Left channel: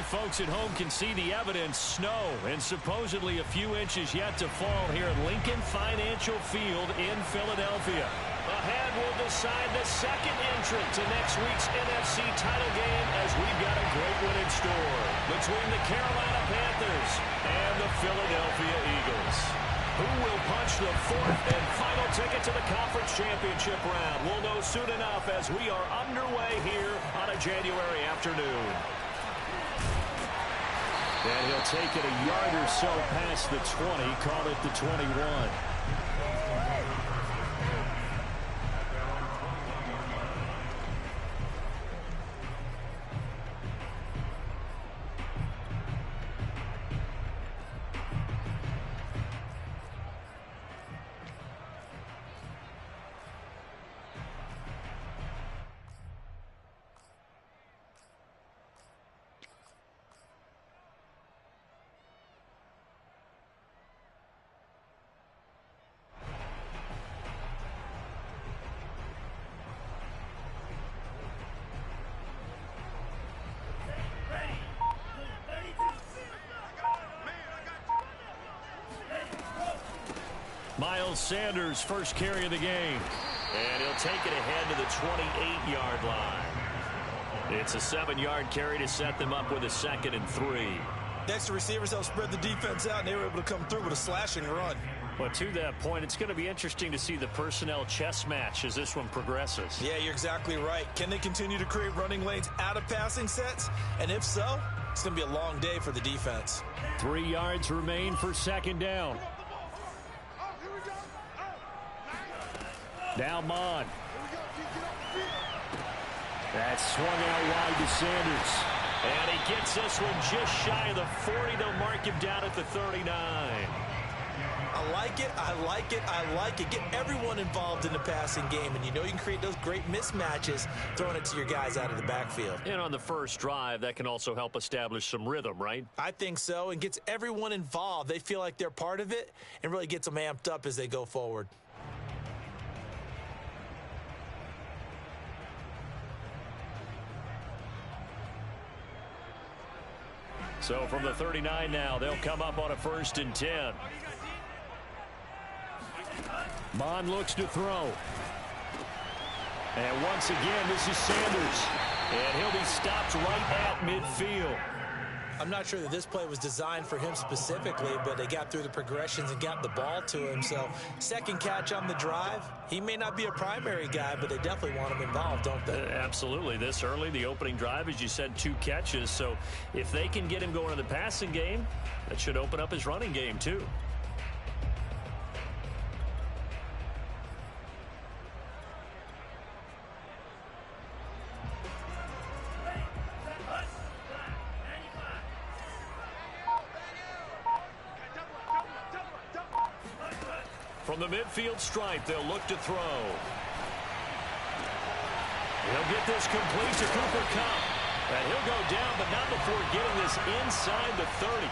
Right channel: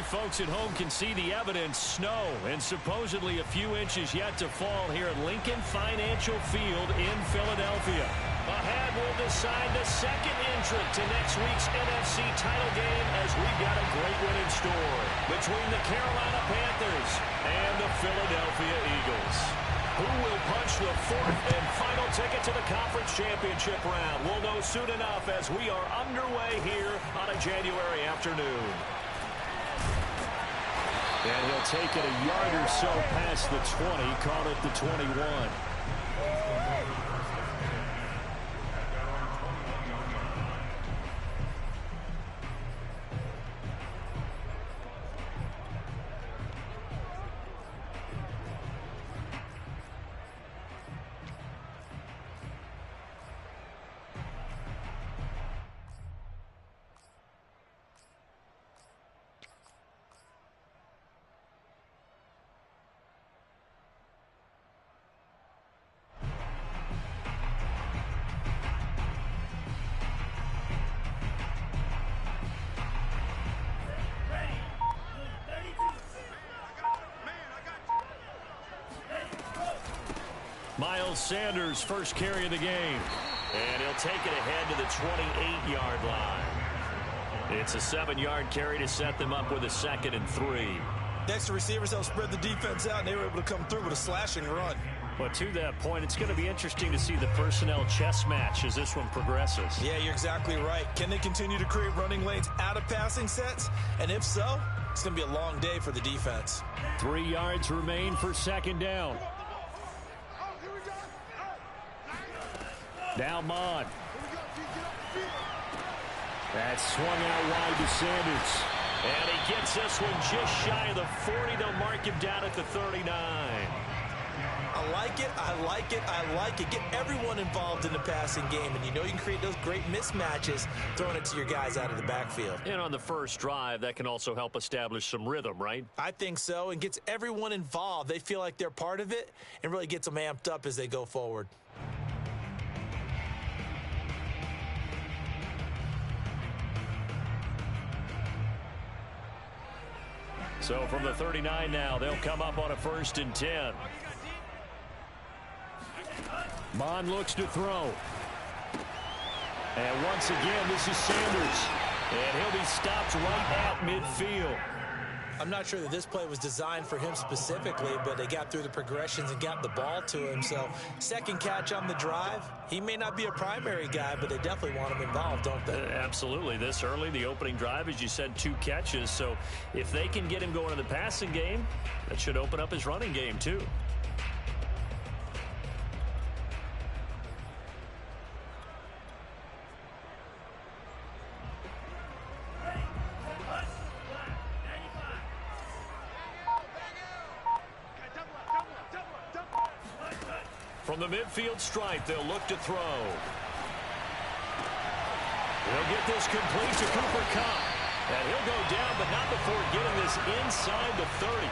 you folks at home can see the evidence. Snow and supposedly a few inches yet to fall here at Lincoln Financial Field in Philadelphia. Ahead, we'll decide the second entrant to next week's NFC title game as we've got a great one in store between the Carolina Panthers and the Philadelphia Eagles. Who will punch the fourth and final ticket to the conference championship round? We'll know soon enough as we are underway here on a January afternoon. And he'll take it a yard or so past the 20, call it the 21. Miles Sanders, first carry of the game. And he'll take it ahead to the 28-yard line. It's a 7-yard carry to set them up with a 2nd and 3. Extra receivers help spread the defense out, and they were able to come through with a slashing run. But to that point, it's going to be interesting to see the personnel chess match as this one progresses. Yeah, you're exactly right. Can they continue to create running lanes out of passing sets? And if so, it's going to be a long day for the defense. 3 yards remain for 2nd down. Now Mon. That's swung out wide to Sanders. And he gets this one just shy of the 40. They'll mark him down at the 39. I like it, I like it, I like it. Get everyone involved in the passing game, and you know you can create those great mismatches throwing it to your guys out of the backfield. And on the first drive, that can also help establish some rhythm, right? I think so, and gets everyone involved. They feel like they're part of it and really gets them amped up as they go forward. So from the 39 now, they'll come up on a 1st and 10. Mon looks to throw. And once again, this is Sanders. And he'll be stopped right at midfield. I'm not sure that this play was designed for him specifically, but they got through the progressions and got the ball to him. So, second catch on the drive. He may not be a primary guy, but they definitely want him involved, don't they? Absolutely. This early, the opening drive, as you said, 2 catches. So, if they can get him going in the passing game, that should open up his running game, too. From the midfield stripe, they'll look to throw. He'll get this complete to Cooper Kupp. And he'll go down, but not before getting this inside the 30.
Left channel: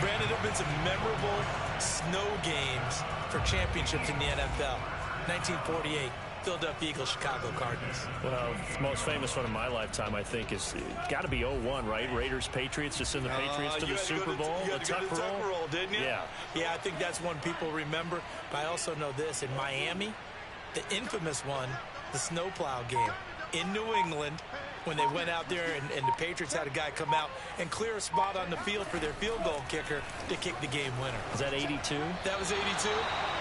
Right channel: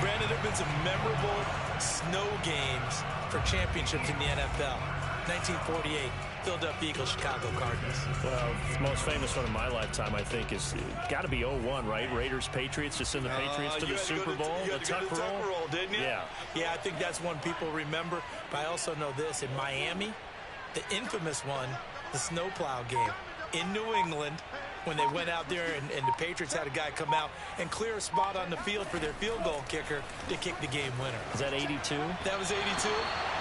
Brandon, there have been some memorable snow games for championships in the NFL. 1948, Philadelphia Eagles, Chicago Cardinals. Well, the most famous one in my lifetime, I think, is got to be 01, right? Raiders, Patriots, to send the Patriots to the Super Bowl. You had to go to the Tuck roll, didn't you? Yeah. Yeah, I think that's one people remember. But I also know this. In Miami, the infamous one, the snowplow game in New England, when they went out there and the Patriots had a guy come out and clear a spot on the field for their field goal kicker to kick the game winner. Is that 82? That was 82,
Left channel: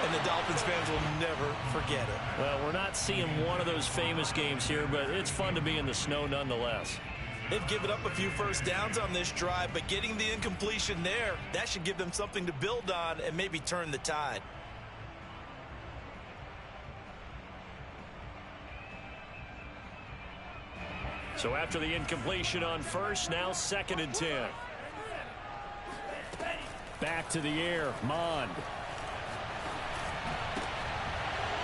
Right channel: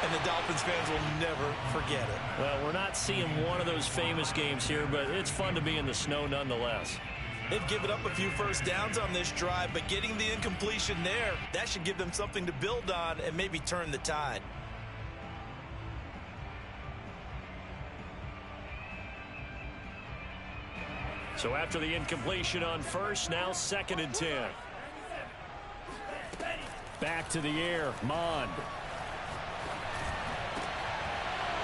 and the Dolphins fans will never forget it. Well, we're not seeing one of those famous games here, but it's fun to be in the snow nonetheless. They've given up a few first downs on this drive, but getting the incompletion there, that should give them something to build on and maybe turn the tide. So after the incompletion on first, now 2nd and 10. Back to the air, Mond.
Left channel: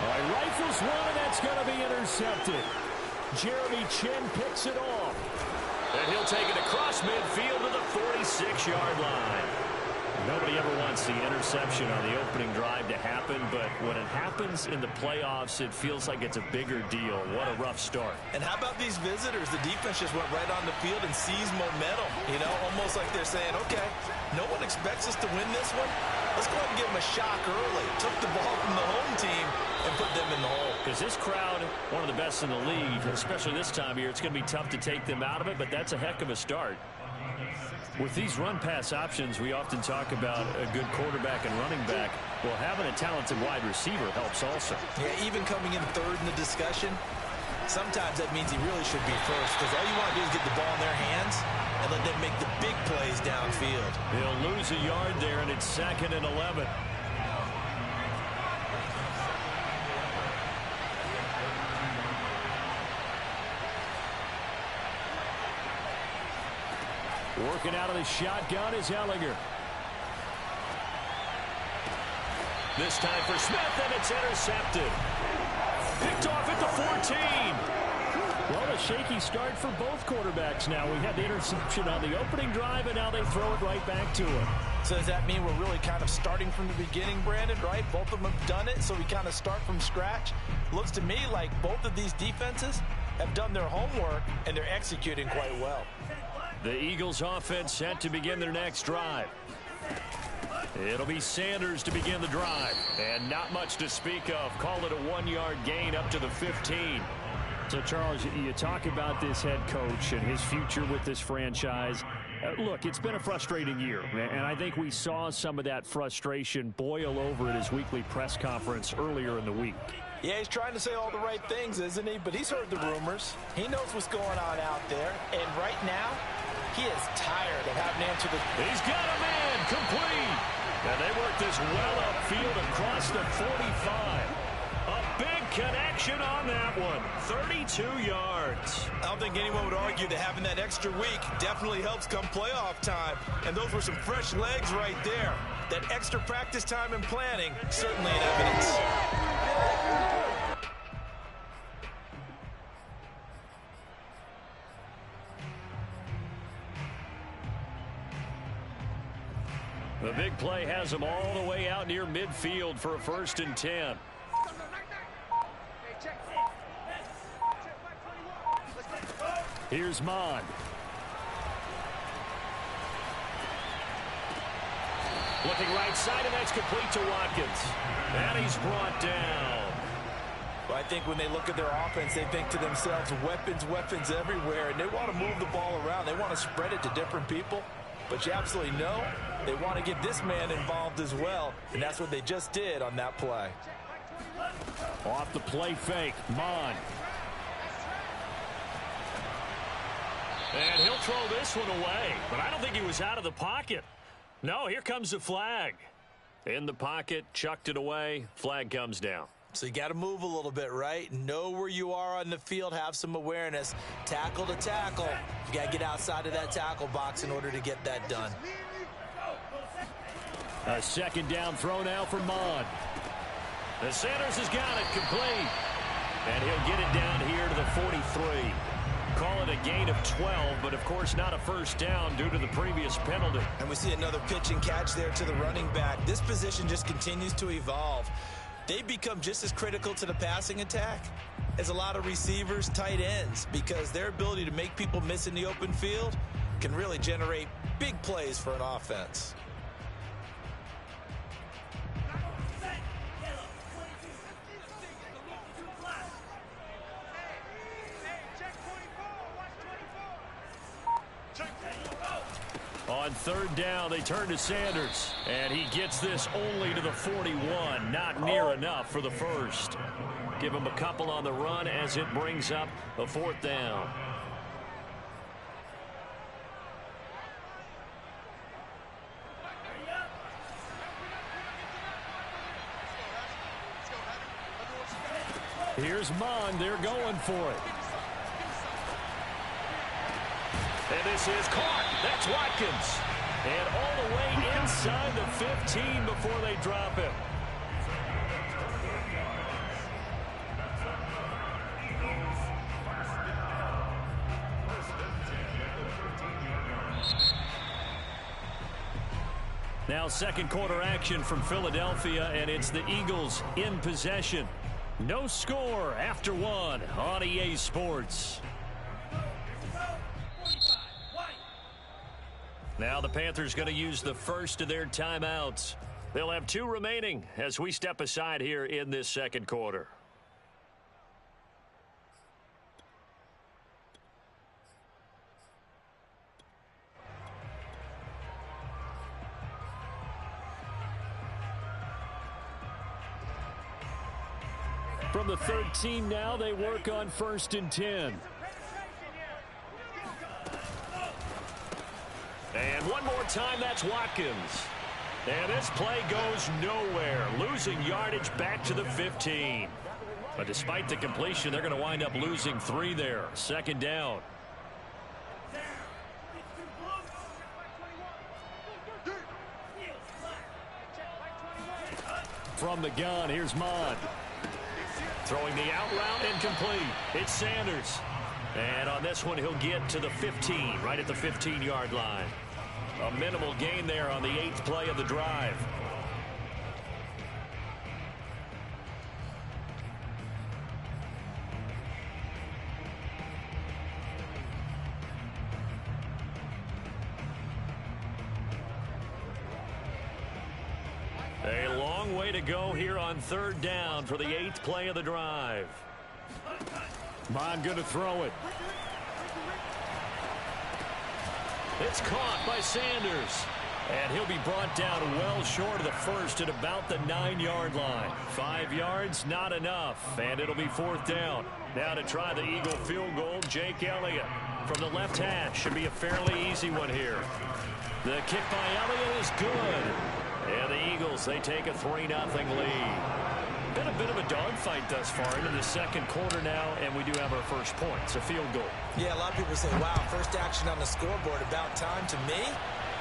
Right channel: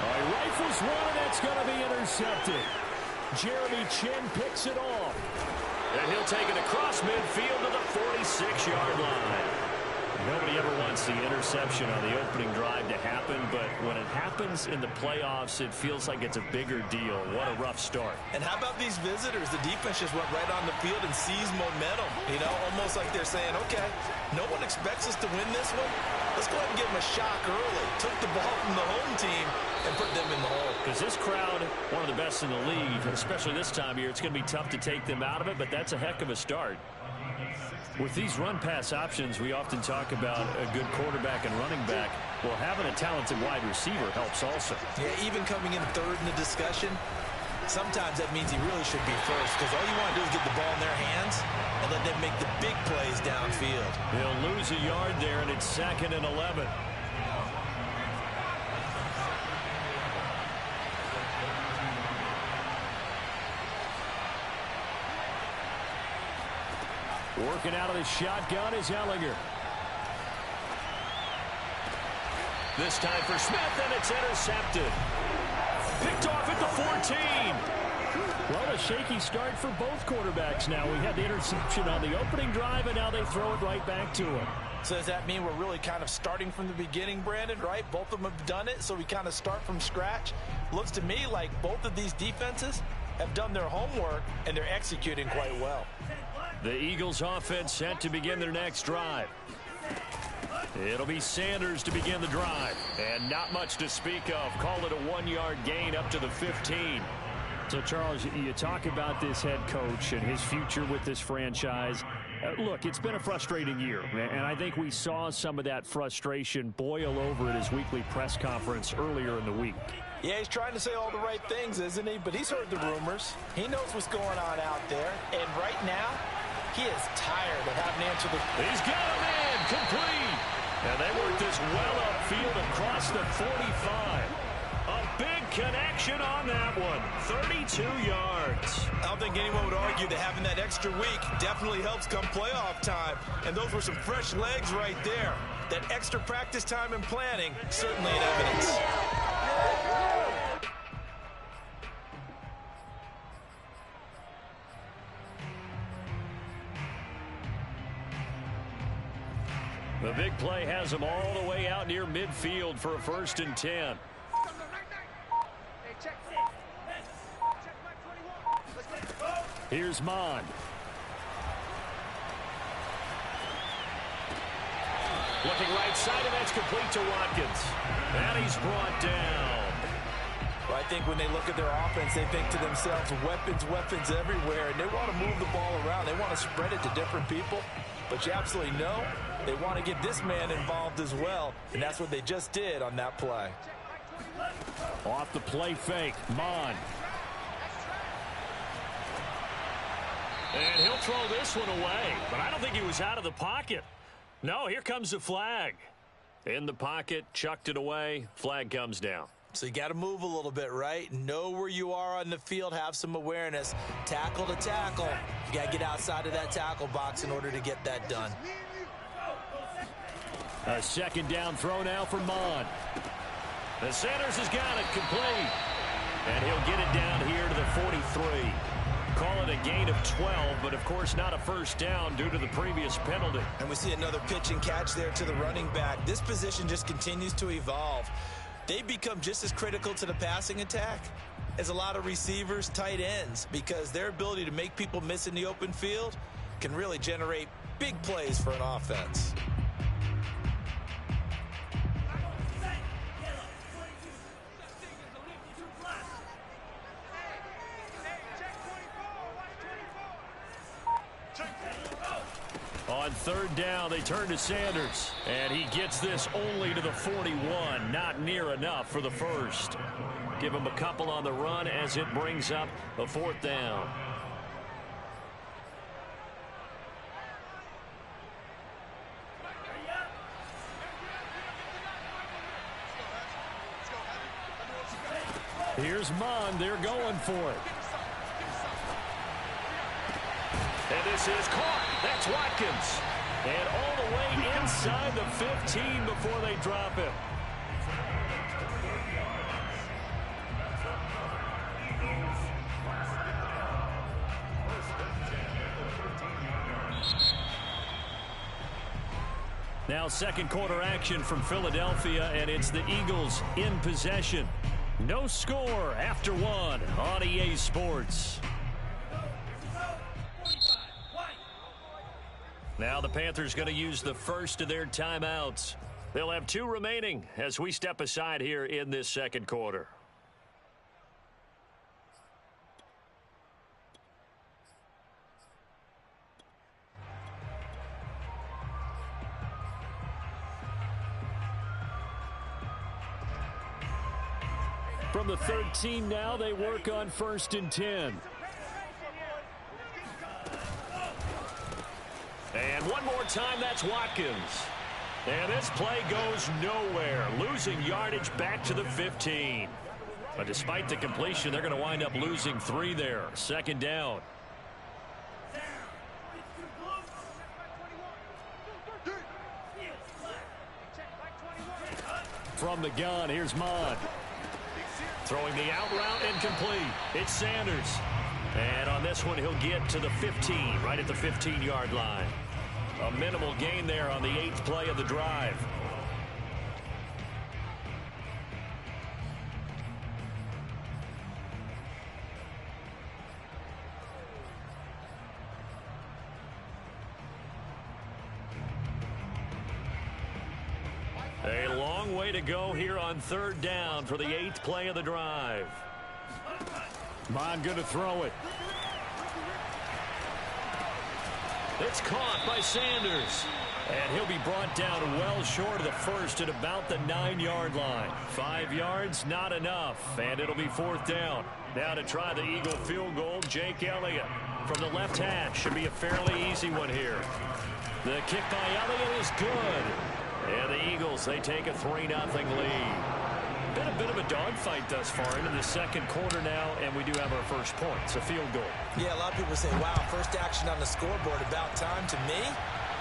He rifles one, and that's going to be intercepted. Jeremy Chin picks it off. And he'll take it across midfield to the 46-yard line. Nobody ever wants the interception on the opening drive to happen, but when it happens in the playoffs, it feels like it's a bigger deal. What a rough start. And how about these visitors? The defense just went right on the field and seized momentum, you know, almost like they're saying, okay, no one expects us to win this one. Let's go ahead and give them a shock early. Took the ball from the home team and put them in the hole. Because this crowd, one of the best in the league, especially this time of year, it's going to be tough to take them out of it, but that's a heck of a start. With these run-pass options, we often talk about a good quarterback and running back. Well, having a talented wide receiver helps also. Yeah, even coming in third in the discussion, sometimes that means he really should be first, because all you want to do is get the ball in their hands and let them make the big plays downfield. He'll lose a yard there, and it's 2nd and 11. Working out of the shotgun is Ellinger. This time for Smith, and it's intercepted. Picked off at the 14. Well, a shaky start for both quarterbacks now. We had the interception on the opening drive, and now they throw it right back to him. So does that mean we're really kind of starting from the beginning, Brandon, right? Both of them have done it, so we kind of start from scratch. Looks to me like both of these defenses have done their homework, and they're executing quite well. The Eagles offense set to begin their next drive. It'll be Sanders to begin the drive. And not much to speak of. Call it a 1-yard gain up to the 15. So, Charles, you talk about this head coach and his future with this franchise. Look, it's been a frustrating year, and I think we saw some of that frustration boil over at his weekly press conference earlier in the week. Yeah, he's trying to say all the right things, isn't he? But he's heard the rumors. He knows what's going on out there. And right now, he is tired of having to answer the... He's got a man complete. And they work this well upfield across the 45. A big connection on that one. 32 yards. I don't think anyone would argue that having that extra week definitely helps come playoff time. And those were some fresh legs right there. That extra practice time and planning, certainly in evidence. The big play has them all the way out near midfield for a 1st and 10. Here's Mond. Looking right side, and that's complete to Watkins. And he's brought down. Well, I think when they look at their offense, they think to themselves, weapons, weapons everywhere, and they want to move the ball around. They want to spread it to different people. But you absolutely know they want to get this man involved as well, and that's what they just did on that play. Off the play fake, Mond. And he'll throw this one away, but I don't think he was out of the pocket. No, here comes the flag. In the pocket, chucked it away, flag comes down. So you got to move a little bit, right? Know where you are on the field, have some awareness. Tackle to tackle. You got to get outside of that tackle box in order to get that done. A 2nd down throw now for Mond. The Sanders has got it complete. And he'll get it down here to the 43. Call it a gain of 12, but of course not a 1st down due to the previous penalty. And we see another pitch and catch there to the running back. This position just continues to evolve. They become just as critical to the passing attack as a lot of receivers, tight ends, because their ability to make people miss in the open field can really generate big plays for an offense. On 3rd down, they turn to Sanders. And he gets this only to the 41. Not near enough for the 1st. Give him a couple on the run as it brings up a 4th down. Here's Mond. They're going for it. And this is caught. That's Watkins. And all the way inside the 15 before they drop him. Now second quarter action from Philadelphia, and it's the Eagles in possession. No score after one on EA Sports. Now the Panthers going to use the first of their timeouts. They'll have 2 remaining as we step aside here in this second quarter. From the 13 now, they work on 1st and 10. And one more time, that's Watkins. And this play goes nowhere, losing yardage back to the 15. But despite the completion, they're going to wind up losing 3 there. Second down. From the gun, here's Mod. Throwing the out route incomplete. It's Sanders. And on this one, he'll get to the 15, right at the 15-yard line. A minimal gain there on the 8th play of the drive. A long way to go here on 3rd down for the 8th play of the drive. Bond going to throw it. It's caught by Sanders. And he'll be brought down well short of the first at about the 9-yard line. 5 yards, not enough. And it'll be 4th down. Now to try the Eagle field goal, Jake Elliott. From the left hash, should be a fairly easy one here. The kick by Elliott is good. And the Eagles, they take a 3-0 lead. Been a bit of a dogfight thus far into the second quarter now, and we do have our first point. It's a field goal. Yeah, a lot of people say, wow, first action on the scoreboard, about time. To me,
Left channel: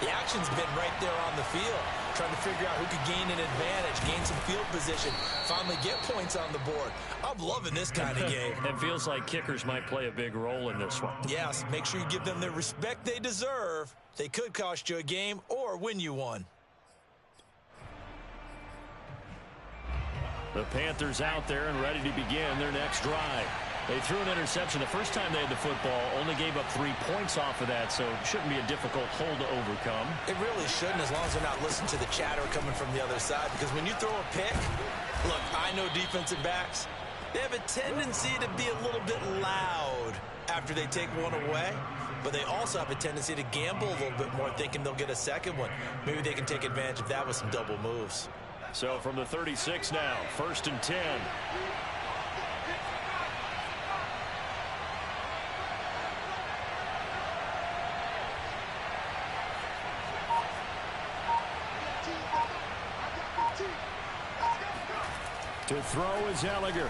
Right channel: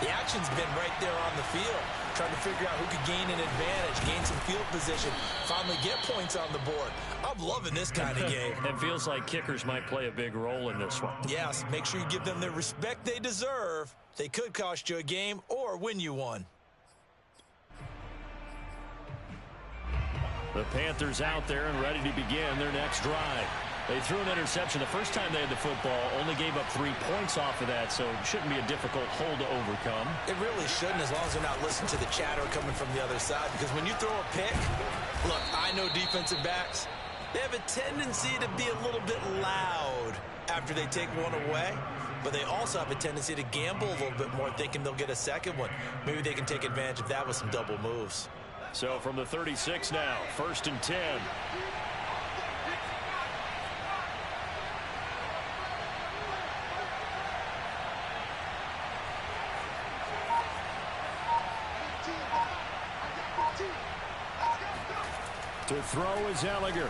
the action's been right there on the field, trying to figure out who could gain an advantage, gain some field position, finally get points on the board. I'm loving this kind of game. It feels like kickers might play a big role in this one. Yes, make sure you give them the respect they deserve. They could cost you a game or win you one. The Panthers out there and ready to begin their next drive. They threw an interception the first time they had the football, only gave up 3 points off of that, so it shouldn't be a difficult hole to overcome. It really shouldn't, as long as they're not listening to the chatter coming from the other side, because when you throw a pick, look, I know defensive backs, they have a tendency to be a little bit loud after they take one away, but they also have a tendency to gamble a little bit more, thinking they'll get a second one. Maybe they can take advantage of that with some double moves. So from the 36 now, 1st and 10. To throw is Elliger.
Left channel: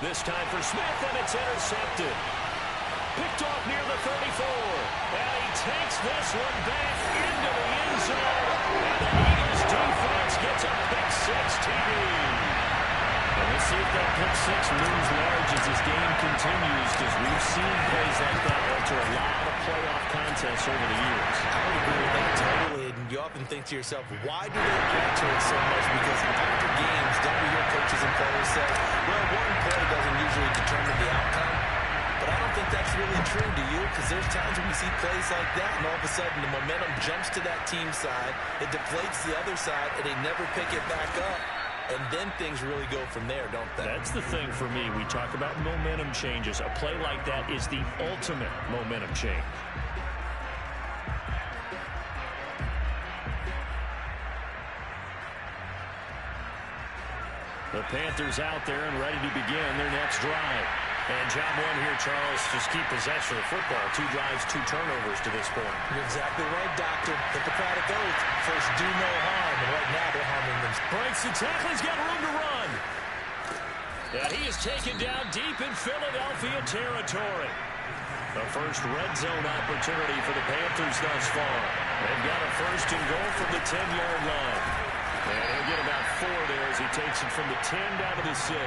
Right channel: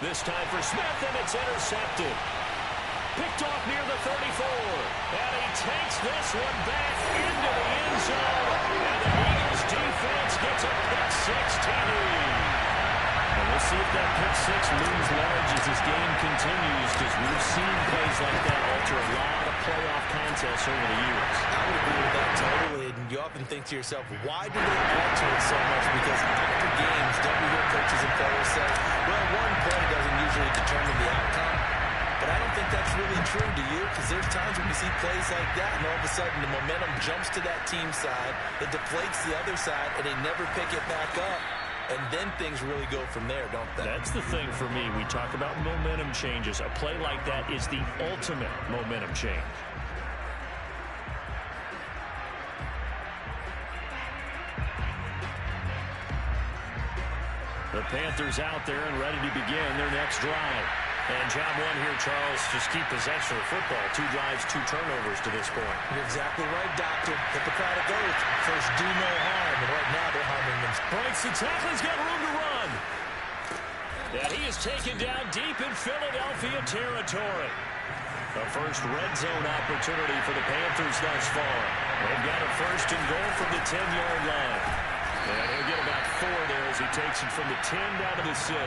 This time for Smith, and it's intercepted. Picked off near the 34. And he takes this one back into the end zone. And the Eagles defense gets a pick-6 TD. And we'll see if that pick-6 looms large as this game continues, because we've seen plays like that alter a lot of playoff contests over the years. I would agree with that totally. And you often think to yourself, why do they alter it so much? Because after games, don't we hear coaches and players say, well, one play doesn't usually determine the outcome. But I don't think that's really true, do you? Because there's times when we see plays like that, and all of a sudden the momentum jumps to that team side, it deflates the other side, and they never pick it back up. And then things really go from there, don't they? That's the thing for me. We talk about momentum changes. A play like that is the ultimate momentum change. The Panthers out there and ready to begin their next drive. And job one here, Charles, just keep possession of the football. 2 drives, 2 turnovers to this point. You're exactly right, Doctor. Hippocratic oath. First, do no harm. And right now, they're harming them. Breaks the tackle. He's got room to run. And he is taken down deep in Philadelphia territory. The first red zone opportunity for the Panthers thus far. They've got a 1st and goal from the 10-yard line. And he'll get about 4 there as he takes it from the 10 down to the 6.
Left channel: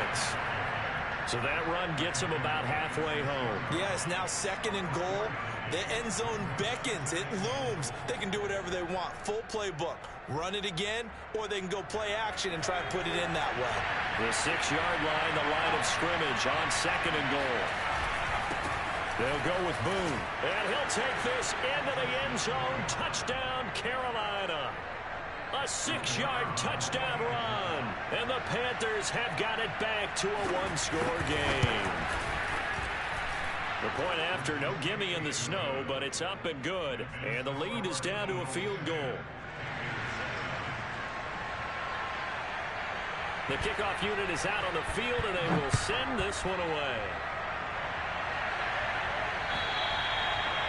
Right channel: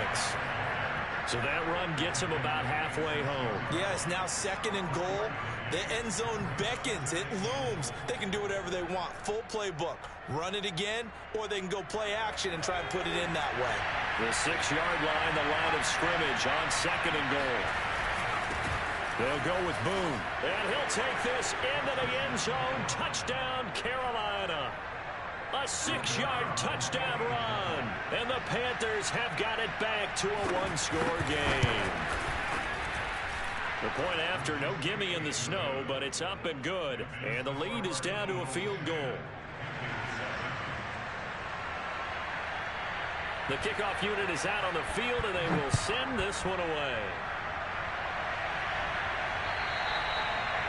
So that run gets him about halfway home. Yeah, it's now 2nd and goal. The end zone beckons. It looms. They can do whatever they want. Full playbook. Run it again, or they can go play action and try and put it in that way. The 6-yard line, the line of scrimmage on 2nd and goal. They'll go with Boone. And he'll take this into the end zone. Touchdown, Carolina. A 6-yard touchdown run. And the Panthers have got it back to a 1-score game. The point after, no gimme in the snow, but it's up and good. And the lead is down to a field goal. The kickoff unit is out on the field, and they will send this one away.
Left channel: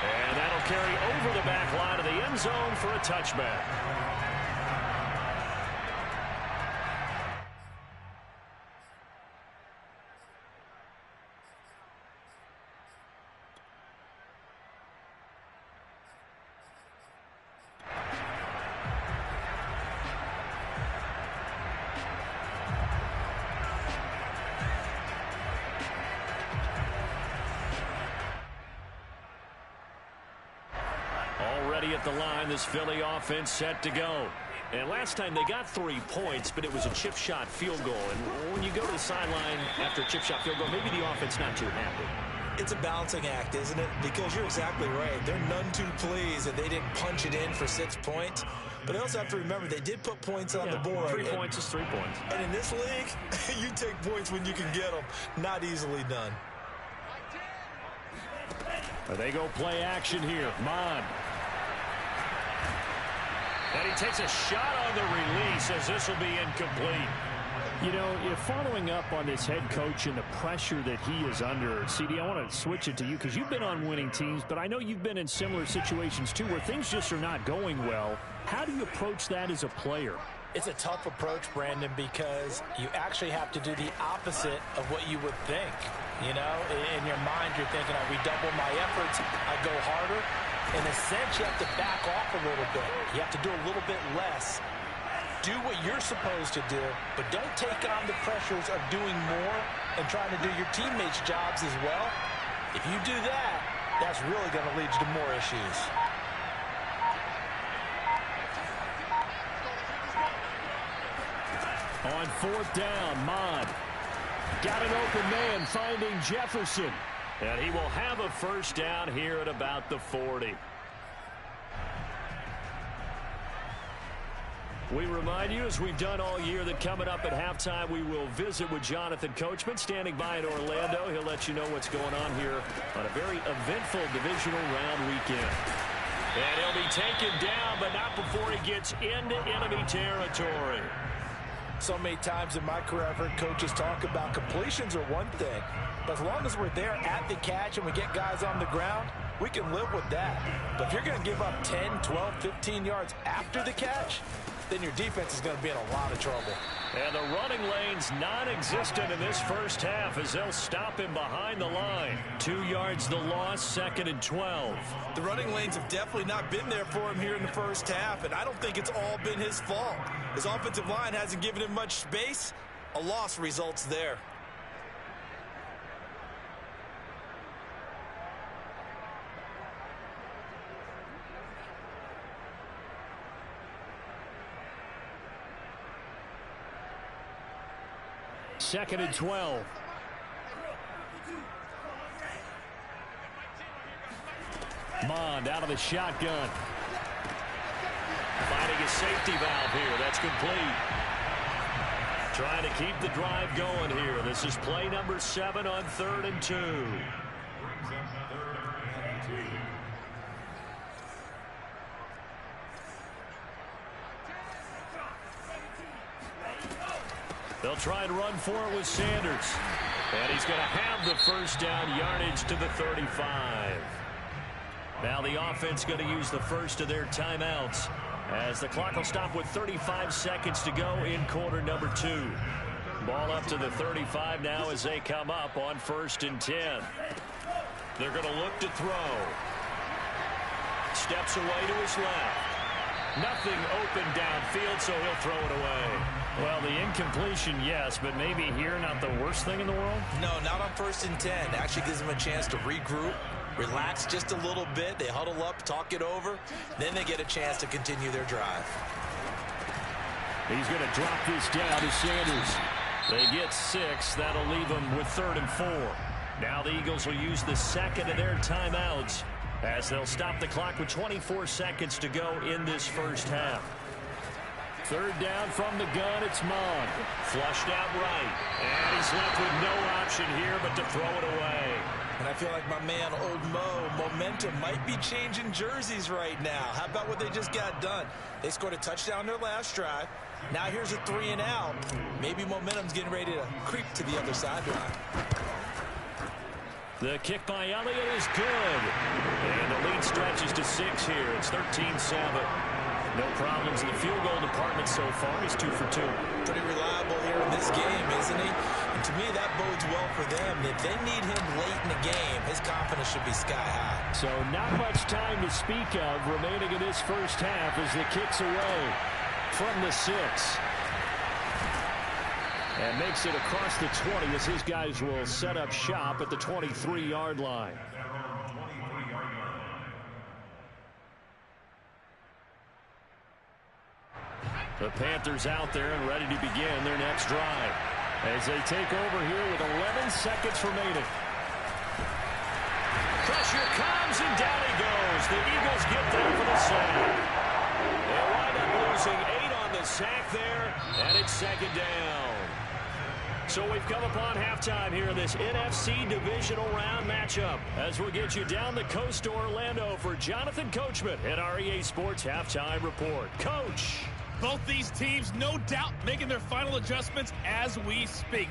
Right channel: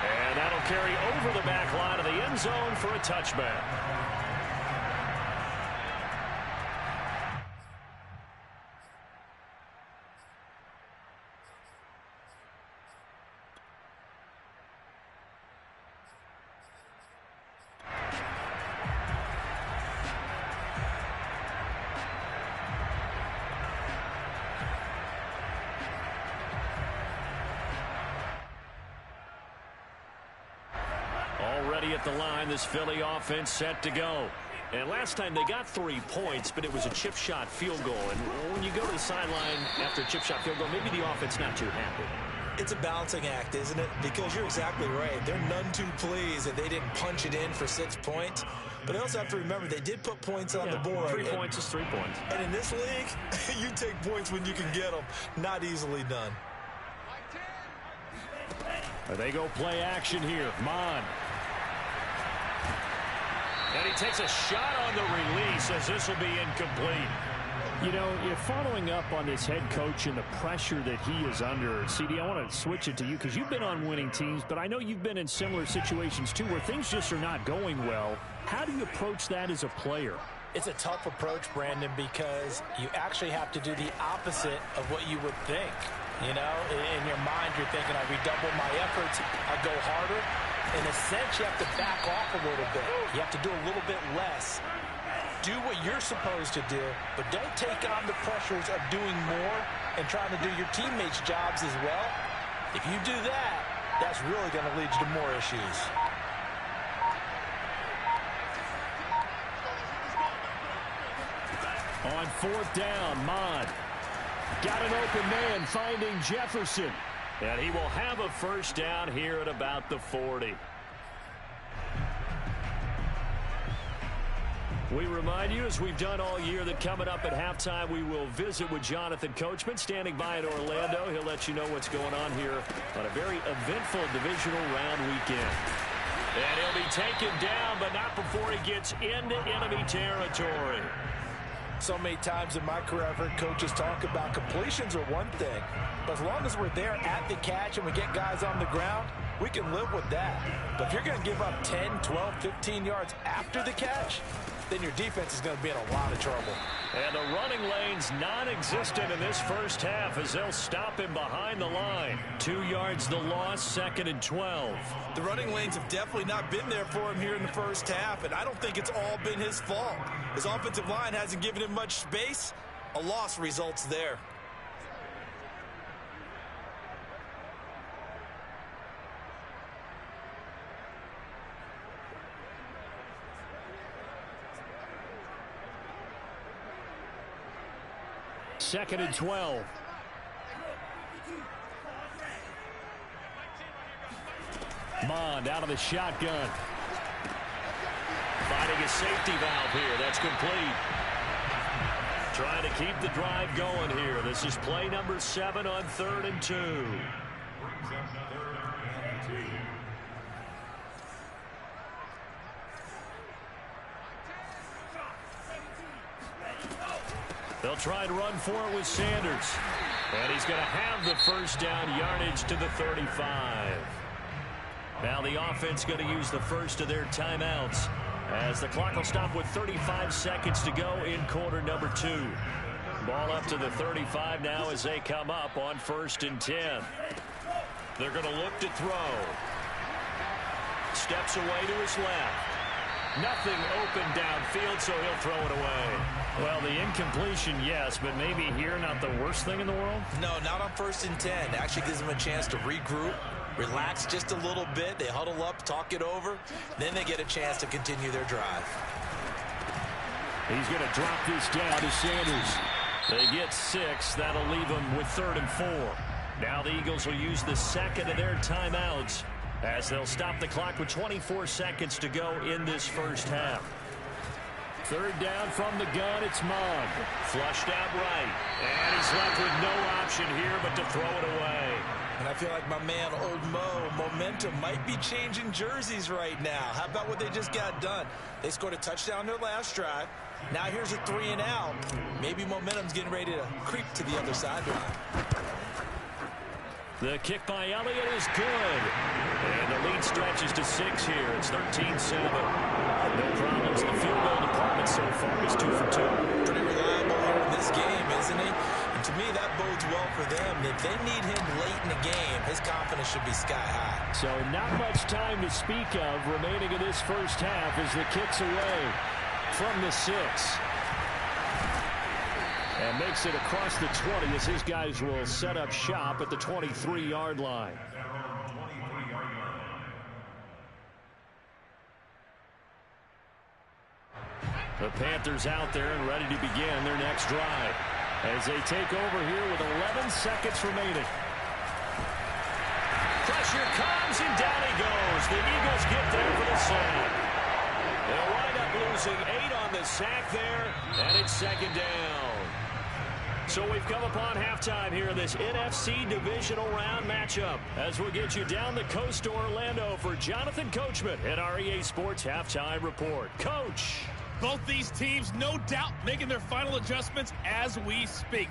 And that'll carry over the back line of the end zone for a touchback. Already at the line, this Philly offense set to go. And last time they got 3 points, but it was a chip shot field goal. And when you go to the sideline after a chip shot field goal, maybe the offense not too happy. It's a balancing act, isn't it? Because you're exactly right. They're none too pleased that they didn't punch it in for 6 points. But I also have to remember they did put points on the board. 3 points is 3 points. And in this league, you take points when you can get them. Not easily done. They go play action here. Mond. And he takes a shot on the release as this will be incomplete. You know, if following up on this head coach and the pressure that he is under, CD, I want to switch it to you because you've been on winning teams, but I know you've been in similar situations too where things just are not going well. How do you approach that as a player? It's a tough approach, Brandon, because you actually have to do the opposite of what you would think. You know, in your mind, you're thinking, I redouble my efforts, I go harder. In a sense, you have to back off a little bit. You have to do a little bit less. Do what you're supposed to do, but don't take on the pressures of doing more and trying to do your teammates' jobs as well. If you do that, that's really going to lead you to more issues. On 4th down, Mond. Got an open man finding Jefferson. And he will have a first down here at about the 40. We remind you, as we've done all year, that coming up at halftime, we will visit with Jonathan Coachman, standing by in Orlando. He'll let you know what's going on here on a very eventful divisional round weekend. And he'll be taken down, but not before he gets into enemy territory. So many times in my career, I've heard coaches talk about completions are one thing. But as long as we're there at the catch and we get guys on the ground, we can live with that. But if you're going to give up 10, 12, 15 yards after the catch, then your defense is going to be in a lot of trouble. And the running lane's non-existent in this first half as they'll stop him behind the line. 2 yards the loss, 2nd and 12. The running lanes have definitely not been there for him here in the first half, and I don't think it's all been his fault. His offensive line hasn't given him much space. A loss results there. Second and 12. Mond out of the shotgun. Finding a safety valve here. That's complete. Trying to keep the drive going here. This is play number 7 on 3rd and 2. They'll try and run for it with Sanders. And he's going to have the first down, yardage to the 35. Now the offense going to use the first of their timeouts as the clock will stop with 35 seconds to go in quarter number 2. Ball up to the 35 now as they come up on 1st and 10. They're going to look to throw. Steps away to his left. Nothing open downfield, so he'll throw it away. Well, the incompletion, yes, but maybe here not the worst thing in the world? No, not on 1st and 10. Actually gives them a chance to regroup, relax just a little bit. They huddle up, talk it over. Then they get a chance to continue their drive. He's going to drop this down to Sanders. They get 6. That'll leave them with 3rd and 4. Now the Eagles will use the second of their timeouts as they'll stop the clock with 24 seconds to go in this first half. 3rd down from the gun. It's Mond. Flushed out right. And he's left with no option here but to throw it away. And I feel like my man, Old Mo, momentum might be changing jerseys right now. How about what they just got done? They scored a touchdown their last drive. Now here's a 3 and out. Maybe momentum's getting ready to creep to the other sideline. The kick by Elliott is good. And the lead stretches to 6 here. It's 13-7. No problems in the field goal department so far. He's 2 for 2. Pretty reliable here in this game, isn't he? And to me, that bodes well for them. If they need him late in the game, his confidence should be sky high. So not much time to speak of remaining in this first half as the kick's away from the 6. And makes it across the 20 as his guys will set up shop at the 23-yard line. The Panthers out there and ready to begin their next drive as they take over here with 11 seconds remaining. Pressure comes and down he goes. The Eagles get there for the sack. They'll wind up losing 8 on the sack there, and it's 2nd down. So we've come upon halftime here in this NFC divisional round matchup as we'll get you down the coast to Orlando for Jonathan Coachman at our EA Sports Halftime Report. Coach. Both these teams, no doubt, making their final adjustments as we speak.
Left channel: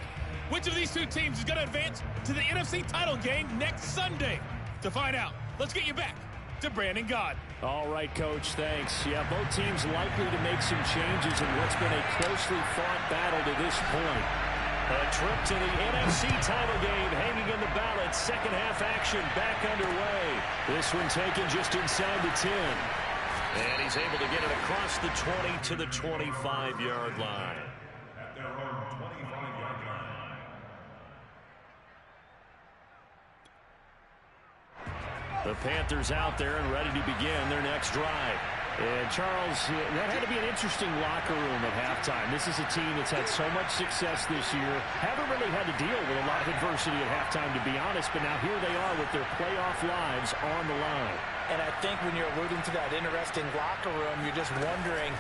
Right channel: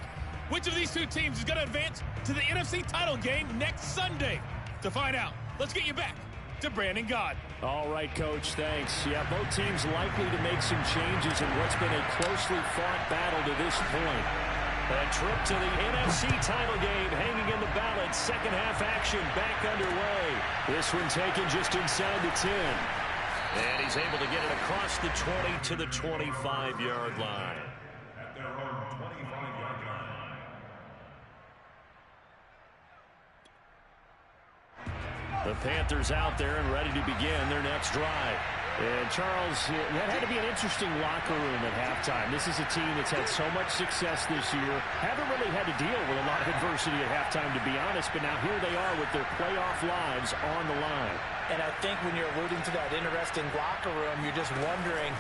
Which of these two teams is going to advance to the NFC title game next Sunday? To find out, let's get you back to Brandon Gaud. All right, Coach, thanks. Yeah, both teams likely to make some changes in what's been a closely fought battle to this point. A trip to the NFC title game hanging in the balance. Second half action back underway. This one taken just inside the 10. And he's able to get it across the 20 to the 25-yard line. At their own 25-yard line. The Panthers out there and ready to begin their next drive. And Charles, that had to be an interesting locker room at halftime. This is a team that's had so much success this year. Haven't really had to deal with a lot of adversity at halftime, to be honest. But now here they are with their playoff lives on the line. And I think when you're alluding to that interesting locker room, you're just wondering,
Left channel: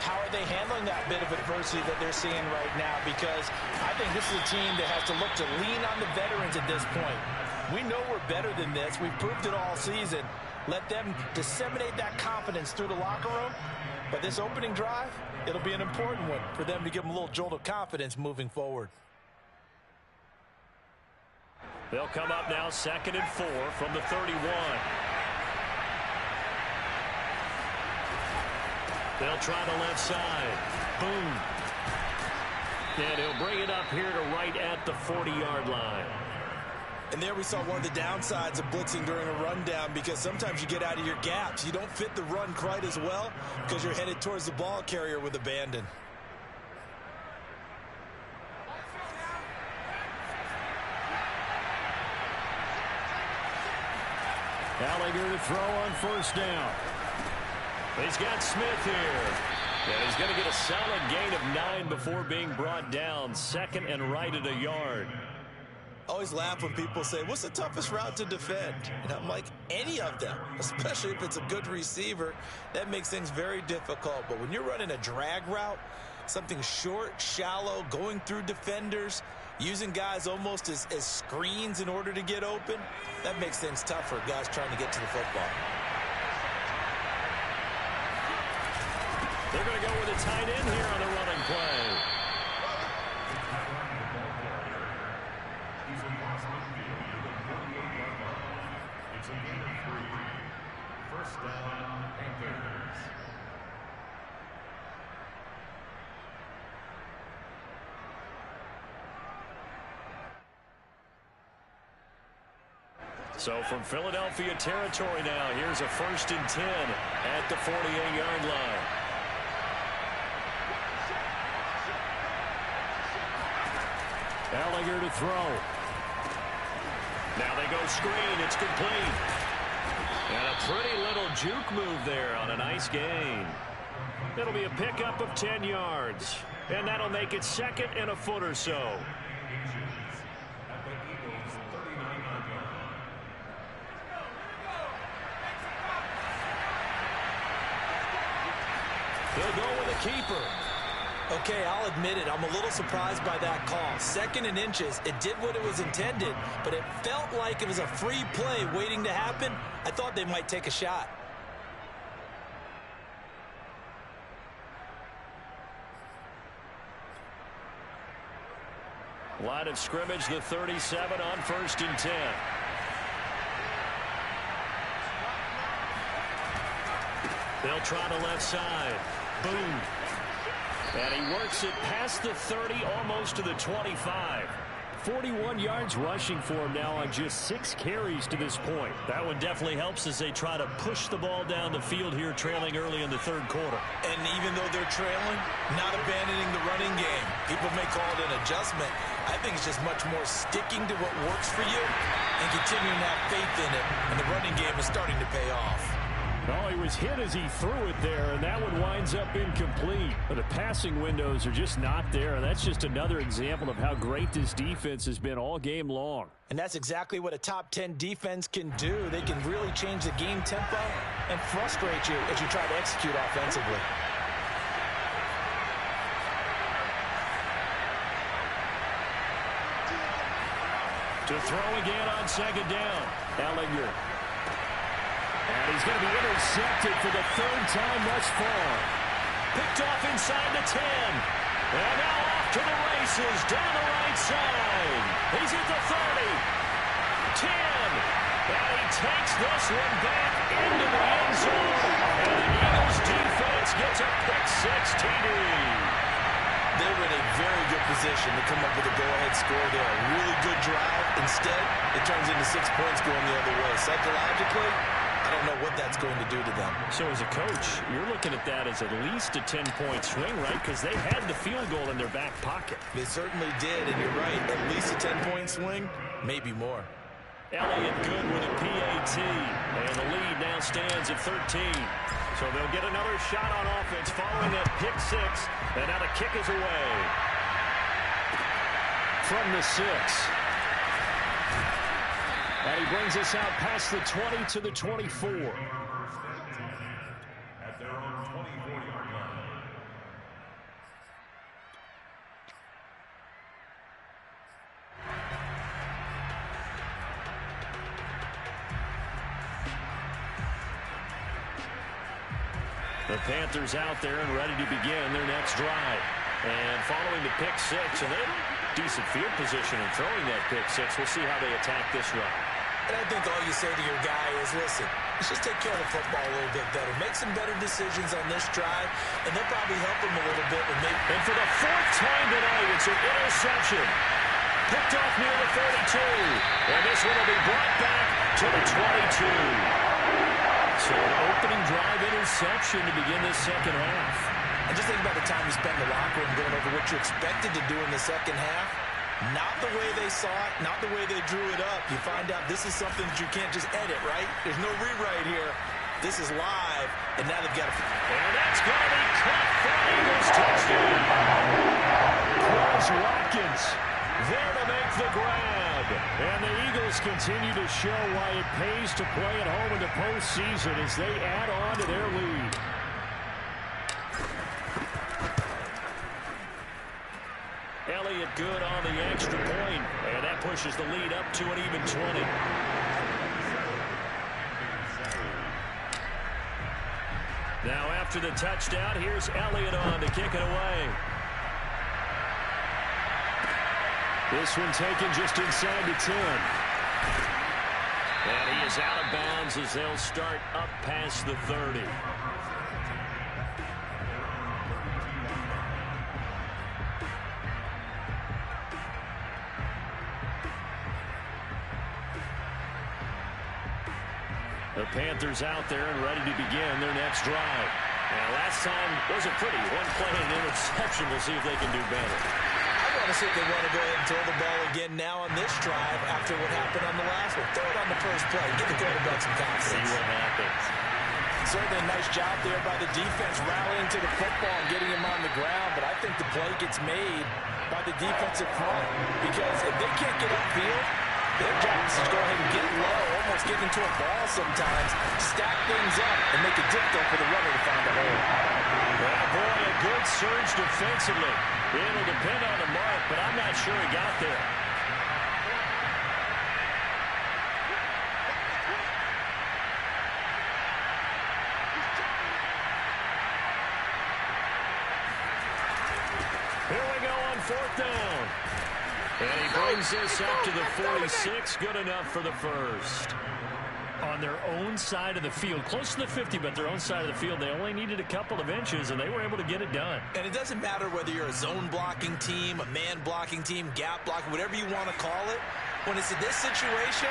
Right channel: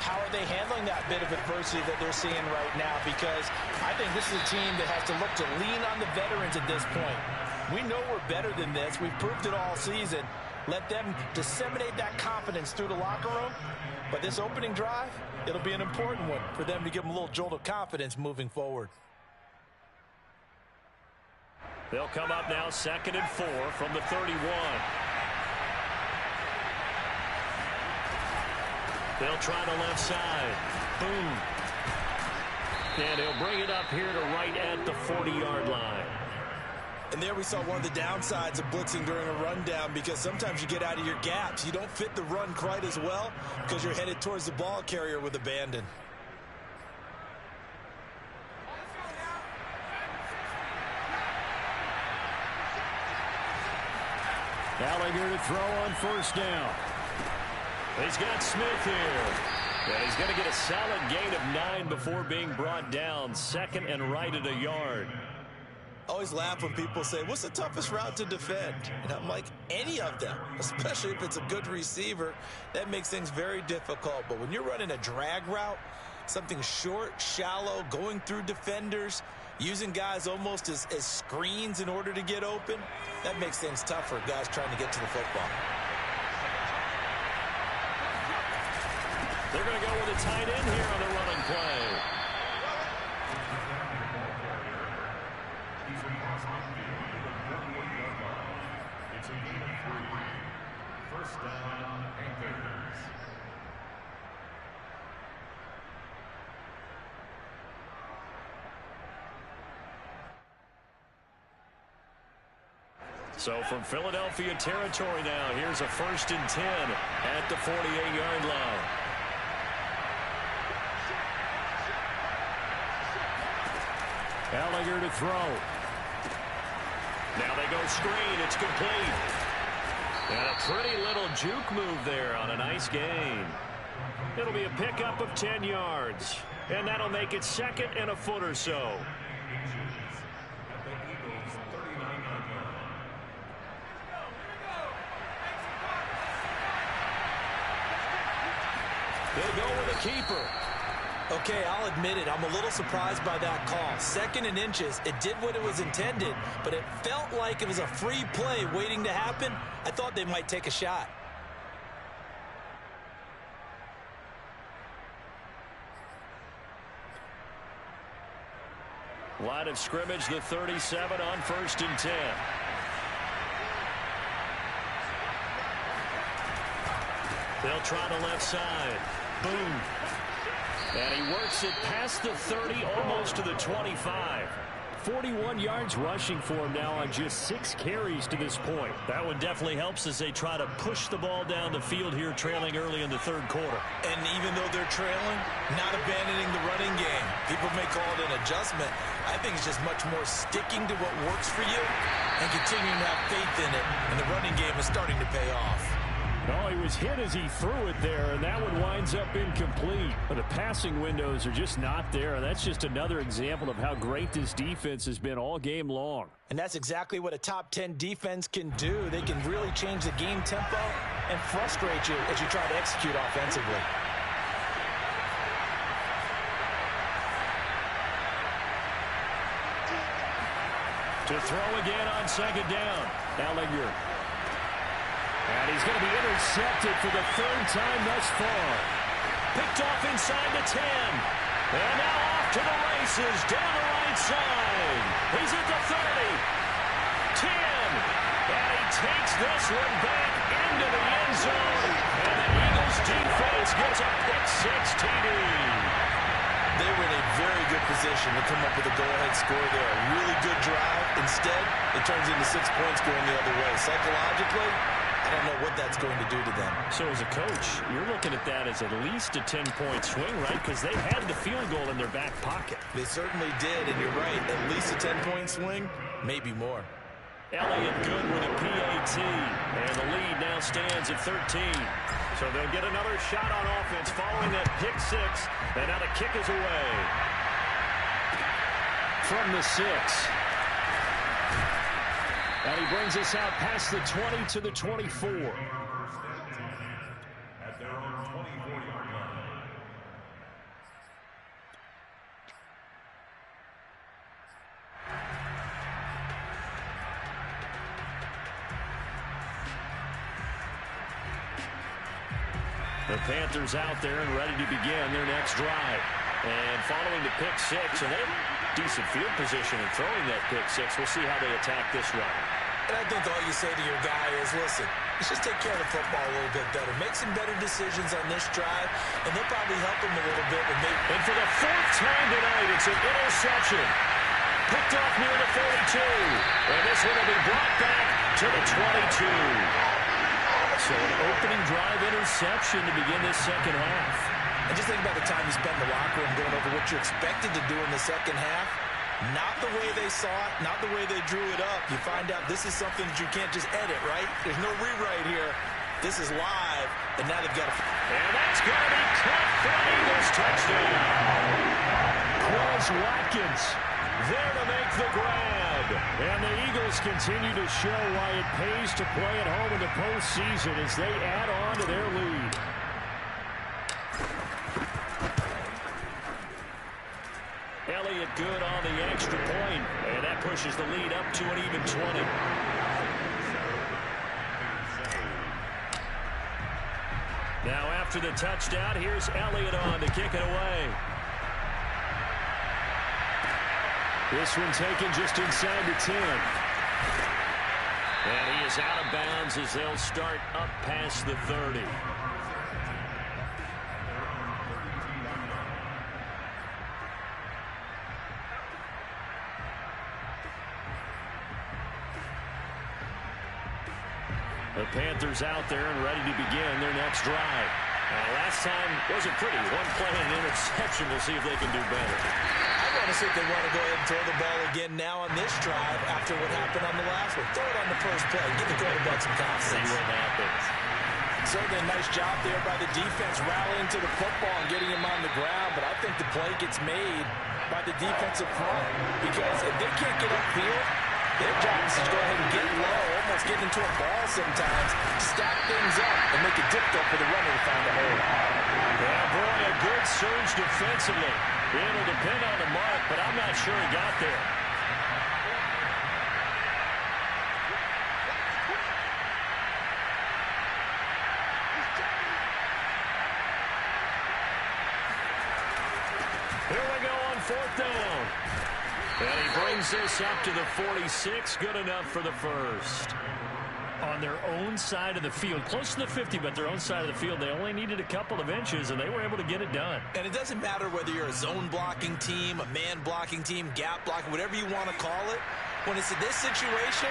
how are they handling that bit of adversity that they're seeing right now? Because I think this is a team that has to look to lean on the veterans at this point. We know we're better than this. We've proved it all season. Let them disseminate that confidence through the locker room. But this opening drive, it'll be an important one for them to give them a little jolt of confidence moving forward. They'll come up now 2nd and 4 from the 31. They'll try the left side. Boom. And he'll bring it up here to right at the 40-yard line. And there we saw one of the downsides of blitzing during a rundown, because sometimes you get out of your gaps. You don't fit the run quite as well because you're headed towards the ball carrier with abandon. Gallagher to throw on 1st down. He's got Smith here. And he's going to get a solid gain of 9 before being brought down. 2nd and right at a yard. Always laugh when people say, what's the toughest route to defend? And I'm like, any of them, especially if it's a good receiver. That makes things very difficult. But when you're running a drag route, something short, shallow, going through defenders, using guys almost as screens in order to get open, that makes things tough for guys trying to get to the football. They're going to go with a tight end here on the running play. It's a gain of 3. 1st down, Panthers. So from Philadelphia territory now, here's a 1st and 10 at the 48-yard line. Ellinger to throw. Now they go screen. It's complete. And a pretty little juke move there on a nice gain. It'll be a pickup of 10 yards. And that'll make it 2nd and a foot or so. He'll go with a keeper. Okay, I'll admit it. I'm a little surprised by that call. 2nd and inches. It did what it was intended, but it felt like it was a free play waiting to happen. I thought they might take a shot. Line of scrimmage, the 37 on 1st and 10. They'll try the left side. Boom. And he works it past the 30, almost to the 25. 41 yards rushing for him now on just 6 carries to this point. That one definitely helps as they try to push the ball down the field here, trailing early in the 3rd quarter. And even though they're trailing, not abandoning the running game. People may call it an adjustment. I think it's just much more sticking to what works for you and continuing to have faith in it. And the running game is starting to pay off. Oh, he was hit as he threw it there, and that one winds up incomplete. But the passing windows are just not there, and that's just another example of how great this defense has been all game long. And that's exactly what a top 10 defense can do. They can really change the game tempo and frustrate you as you try to execute offensively. To throw again on 2nd down. Ellinger. And he's going to be intercepted for the 3rd time thus far. Picked off inside the 10. And now off to the races down the right side. He's at the 30. 10. And he takes this one back into the end zone. And the Eagles defense gets a pick-6 TD. They were in a very good position to come up with a go-ahead score there. A really good drive. Instead, it turns into 6 points going the other way. Psychologically, I don't know what that's going to do to them. So as a coach, you're looking at that as at least a 10-point swing, right? Because they had the field goal in their back pocket. They certainly did, and you're right. At least a 10-point swing, maybe more. Elliott good with a PAT, and the lead now stands at 13. So they'll get another shot on offense following that pick-6, and now the kick is away. From the 6. And he brings us out past the 20 to the 24. At their own 24-yard line. The Panthers out there and ready to begin their next drive. And following the pick-6, and they have decent field position in throwing that pick-6. We'll see how they attack this run. And I think all you say to your guy is, listen, let's just take care of the football a little bit better. Make some better decisions on this drive, and they'll probably help him a little bit. And for the 4th time tonight, it's an interception. Picked off near the 42. And this one will be brought back to the 22. So an opening drive interception to begin this 2nd half. And just think about the time you spent in the locker room going over what you expected to do in the 2nd half. Not the way they saw it, not the way they drew it up. You find out this is something that you can't just edit, right? There's no rewrite here. This is live, and now they've got to... And that's going to be caught for an Eagles touchdown. Quez Watkins there to make the grab. And the Eagles continue to show why it pays to play at home in the postseason as they add on to their lead. Elliott good on the extra point, and that pushes the lead up to an even 20. Now after the touchdown, here's Elliott on to kick it away. This one taken just inside the 10. And he is out of bounds as they'll start up past the 30. The Panthers out there and ready to begin their next drive. Now, last time wasn't pretty. One play and an interception. We'll see if they can do better. I want to see if they want to go ahead and throw the ball again now on this drive after what happened on the last one. Throw it on the first play. Give the quarterback some confidence. See what happens. Certainly a nice job there by the defense rallying to the football and getting him on the ground, but I think the play gets made by the defensive front because if they can't get upfield, their job is to go ahead and get low, almost get into a ball sometimes, stack things up, and make it difficult for the runner to find a hole. Yeah, boy, a good surge defensively. It'll depend on the mark, but I'm not sure he got there. Here we go on fourth down. And he brings this up to the 46. Good enough for the first. On their own side of the field, close to the 50, but their own side of the field, they only needed a couple of inches, and they were able to get it done. And it doesn't matter whether you're a zone blocking team, a man blocking team, gap blocking, whatever you want to call it. When it's in this situation,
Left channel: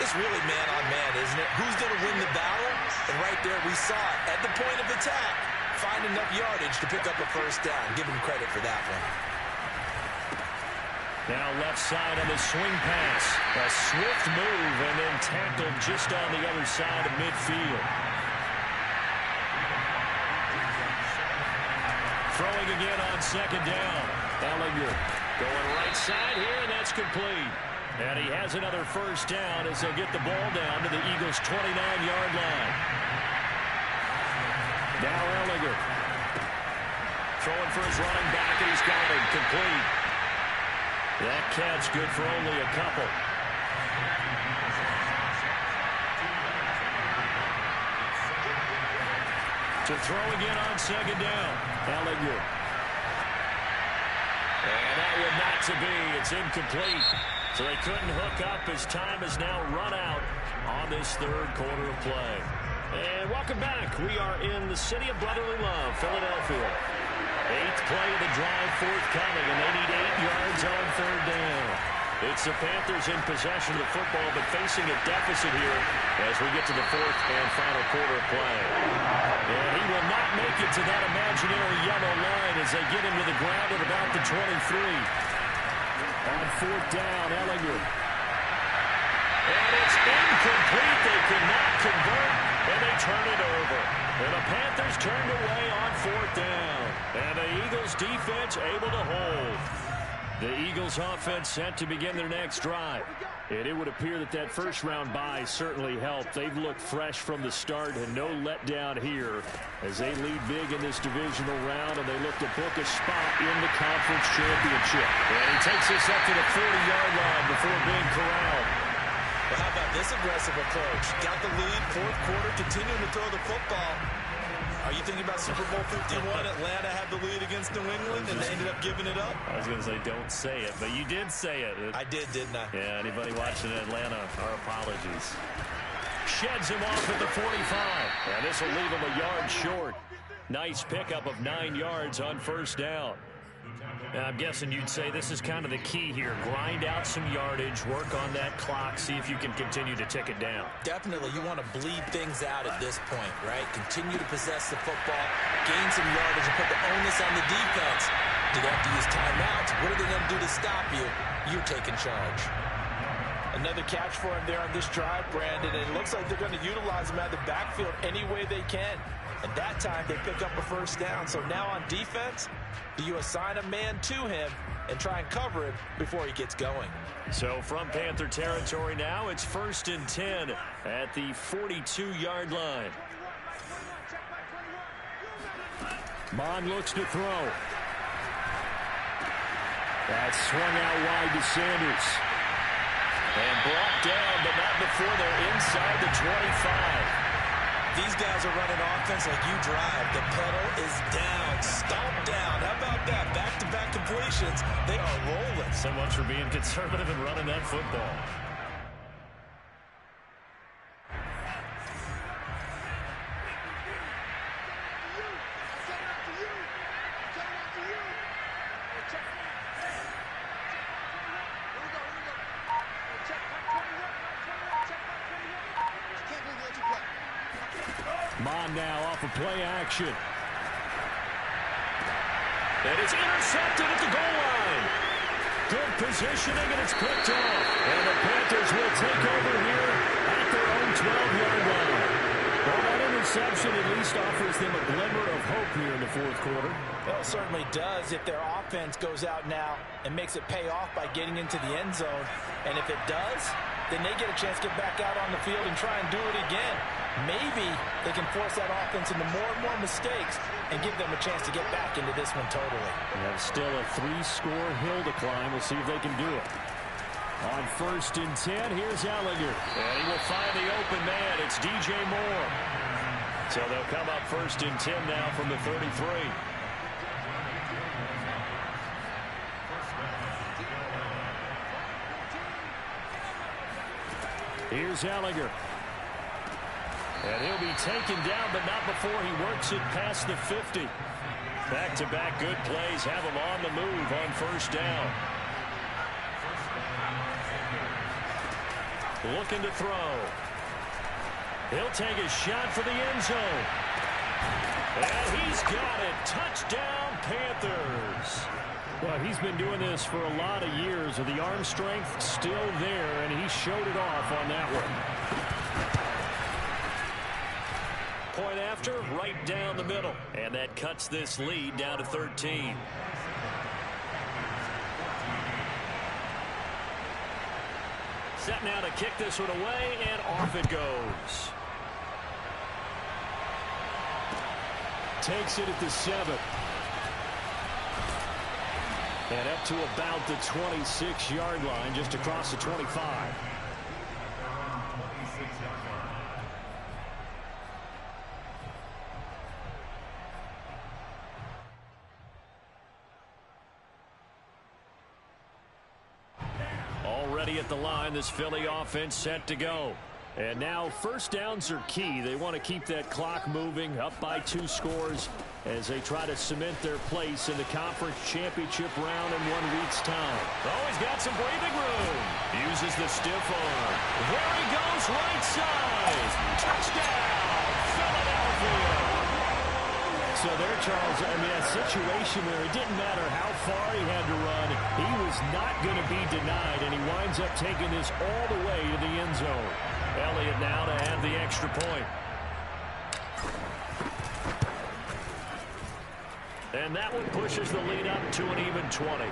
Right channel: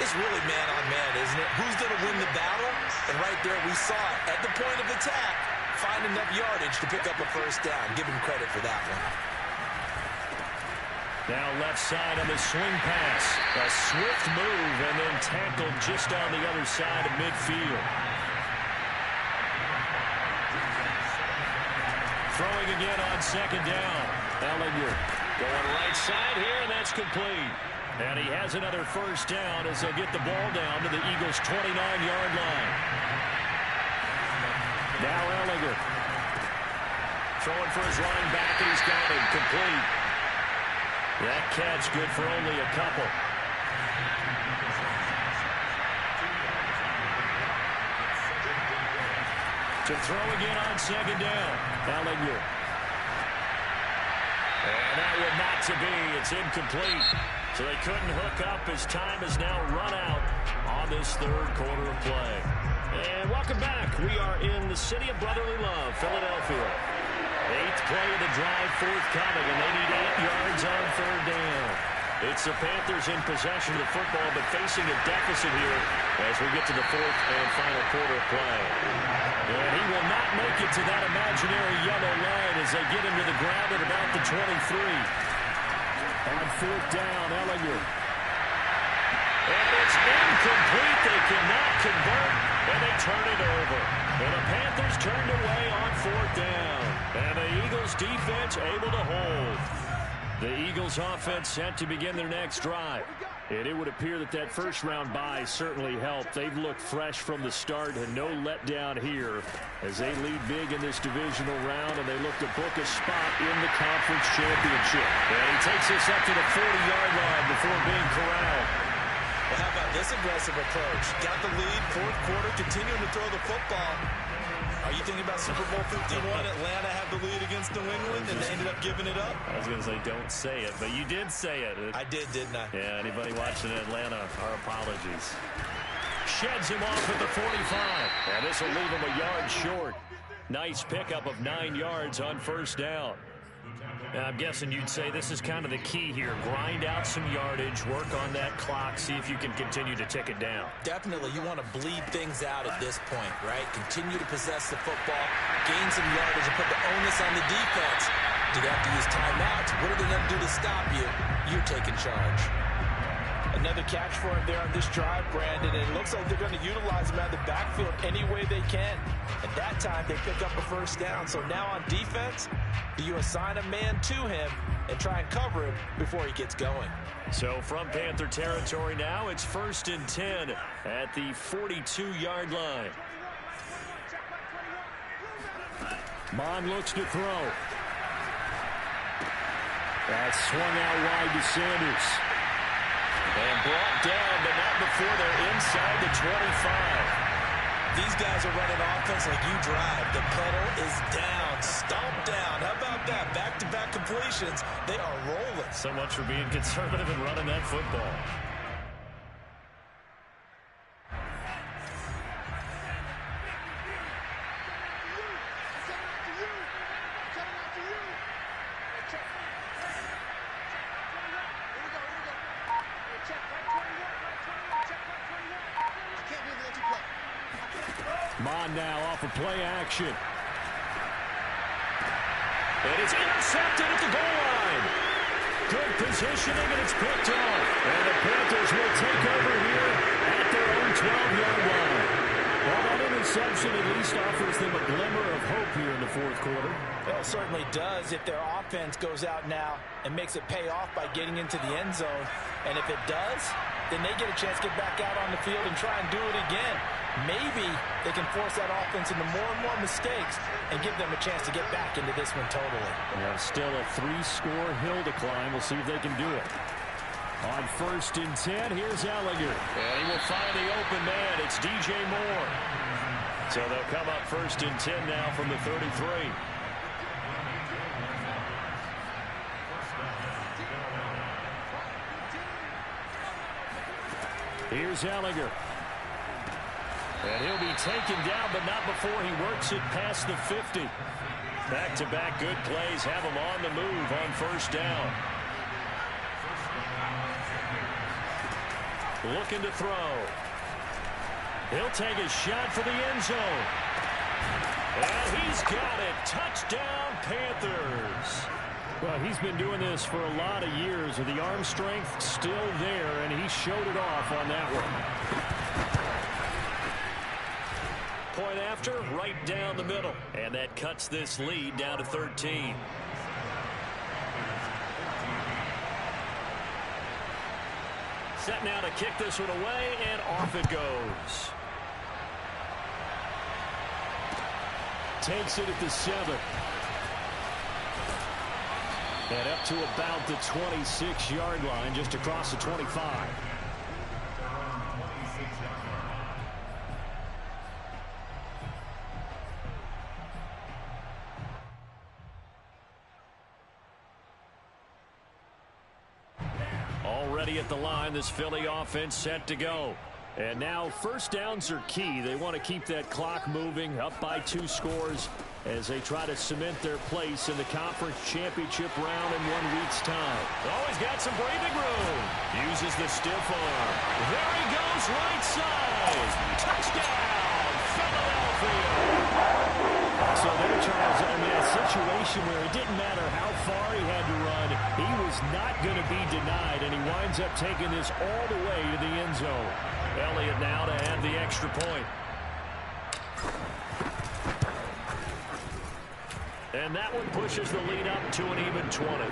it's really man on man, isn't it? Who's going to win the battle? And right there, we saw it. At the point of attack, find enough yardage to pick up a first down. Give him credit for that one. Now left side on the swing pass. A swift move and then tackled just on the other side of midfield. Throwing again on second down. Ellinger going right side here, and that's complete. And he has another first down as they get the ball down to the Eagles' 29-yard line. Now Ellinger throwing for his running back, and he's got it complete. That catch good for only a couple. To throw again on second down. Ellinger. And that would not to be. It's incomplete. So they couldn't hook up as time has now run out on this third quarter of play. And welcome back. We are in the city of brotherly love, Philadelphia. Eighth play of the drive forthcoming, and they need 8 yards on third down. It's the Panthers in possession of the football, but facing a deficit here as we get to the fourth and final quarter of play. And he will not make it to that imaginary yellow line as they get him to the ground at about the 23. On fourth down, Ellinger. And it's incomplete. They cannot convert, and they turn it over. And the Panthers turned away on fourth down. And the Eagles defense able to hold. The Eagles offense set to begin their next drive. And it would appear that that first round bye certainly helped. They've looked fresh from the start and no letdown here as they lead big in this divisional round, and they look to book a spot in the conference championship. And he takes this up to the 40-yard line before being corralled. Well, how about this aggressive approach? Got the lead, fourth quarter, continuing to throw the football. Are you thinking about Super Bowl 51? Atlanta had the lead against New England, and they ended up giving it up? I was going to say, don't say it, but you did say it. I did, didn't I? Yeah, anybody watching Atlanta, our apologies. Sheds him off at the 45. Yeah, this will leave him a yard short. Nice pickup of 9 yards on first down. I'm guessing you'd say this is kind of the key here. Grind out some yardage, work on that clock, see if you can continue to tick it down. Definitely. You want to bleed things out at this point, right? Continue to possess the football, gain some yardage, and put the onus on the defense. Do they have to use timeouts? What are they going to do to stop you? You're taking charge. Another catch for him there on this drive, Brandon, and it looks like they're going to utilize him out of the backfield any way they can. And that time, they pick up a first down. So now on defense, do you assign a man to him and try and cover him before he gets going? So from Panther territory now, it's 1st and 10 at the 42-yard line. Bond looks to throw. That's swung out wide to Sanders. And brought down, but not before they're inside the 25. These guys are running offense like you drive. The pedal is down, stomp down. How about that? Back-to-back completions. They are rolling. So much for being conservative and running that football. Check back 21, right 21, check back 21. I can't believe they let you play. Mon now off of play action. And it's intercepted at the goal line. Good positioning, and it's picked off. And the Panthers will take over here at their own 12-yard line. Well, that interception at least offers them a glimmer of hope here in the fourth quarter. Well, it certainly does if their offense goes out now and makes it pay off by getting into the end zone. And if it does, then they get a chance to get back out on the field and try and do it again. Maybe they can force that offense into more and more mistakes and give them a chance to get back into this one totally. Yeah, still a 3-score hill to climb. We'll see if they can do it. On 1st and 10, here's Ellinger. And he will find the open man. It's DJ Moore. So they'll come up 1st and 10 now from the 33. Here's Ellinger. And he'll be taken down, but not before he works it past the 50. Back-to-back good plays have him on the move on 1st down. Looking to throw. He'll take a shot for the end zone. And he's got it. Touchdown, Panthers. Well, he's been doing this for a lot of years with the arm strength still there, and he showed it off on that one. Point after, right down the middle. And that cuts this lead down to 13. Set now to kick this one away, and off it goes. Takes it at the 7. And up to about the 26-yard line, just across the 25. Already at the line, this Philly offense set to go. And now 1st downs are key. They want to keep that clock moving, up by 2 scores as they try to cement their place in the conference championship round in 1 week's time. Oh, he's got some breathing room. Uses the stiff arm. There he goes, right side. Touchdown, Philadelphia. So there, Charles, I mean, a situation where it didn't matter how far he had to run, he was not going to be denied, and he winds up taking this all the way to the end zone. Elliott now to add the extra point. And that one pushes the lead up to an even 20.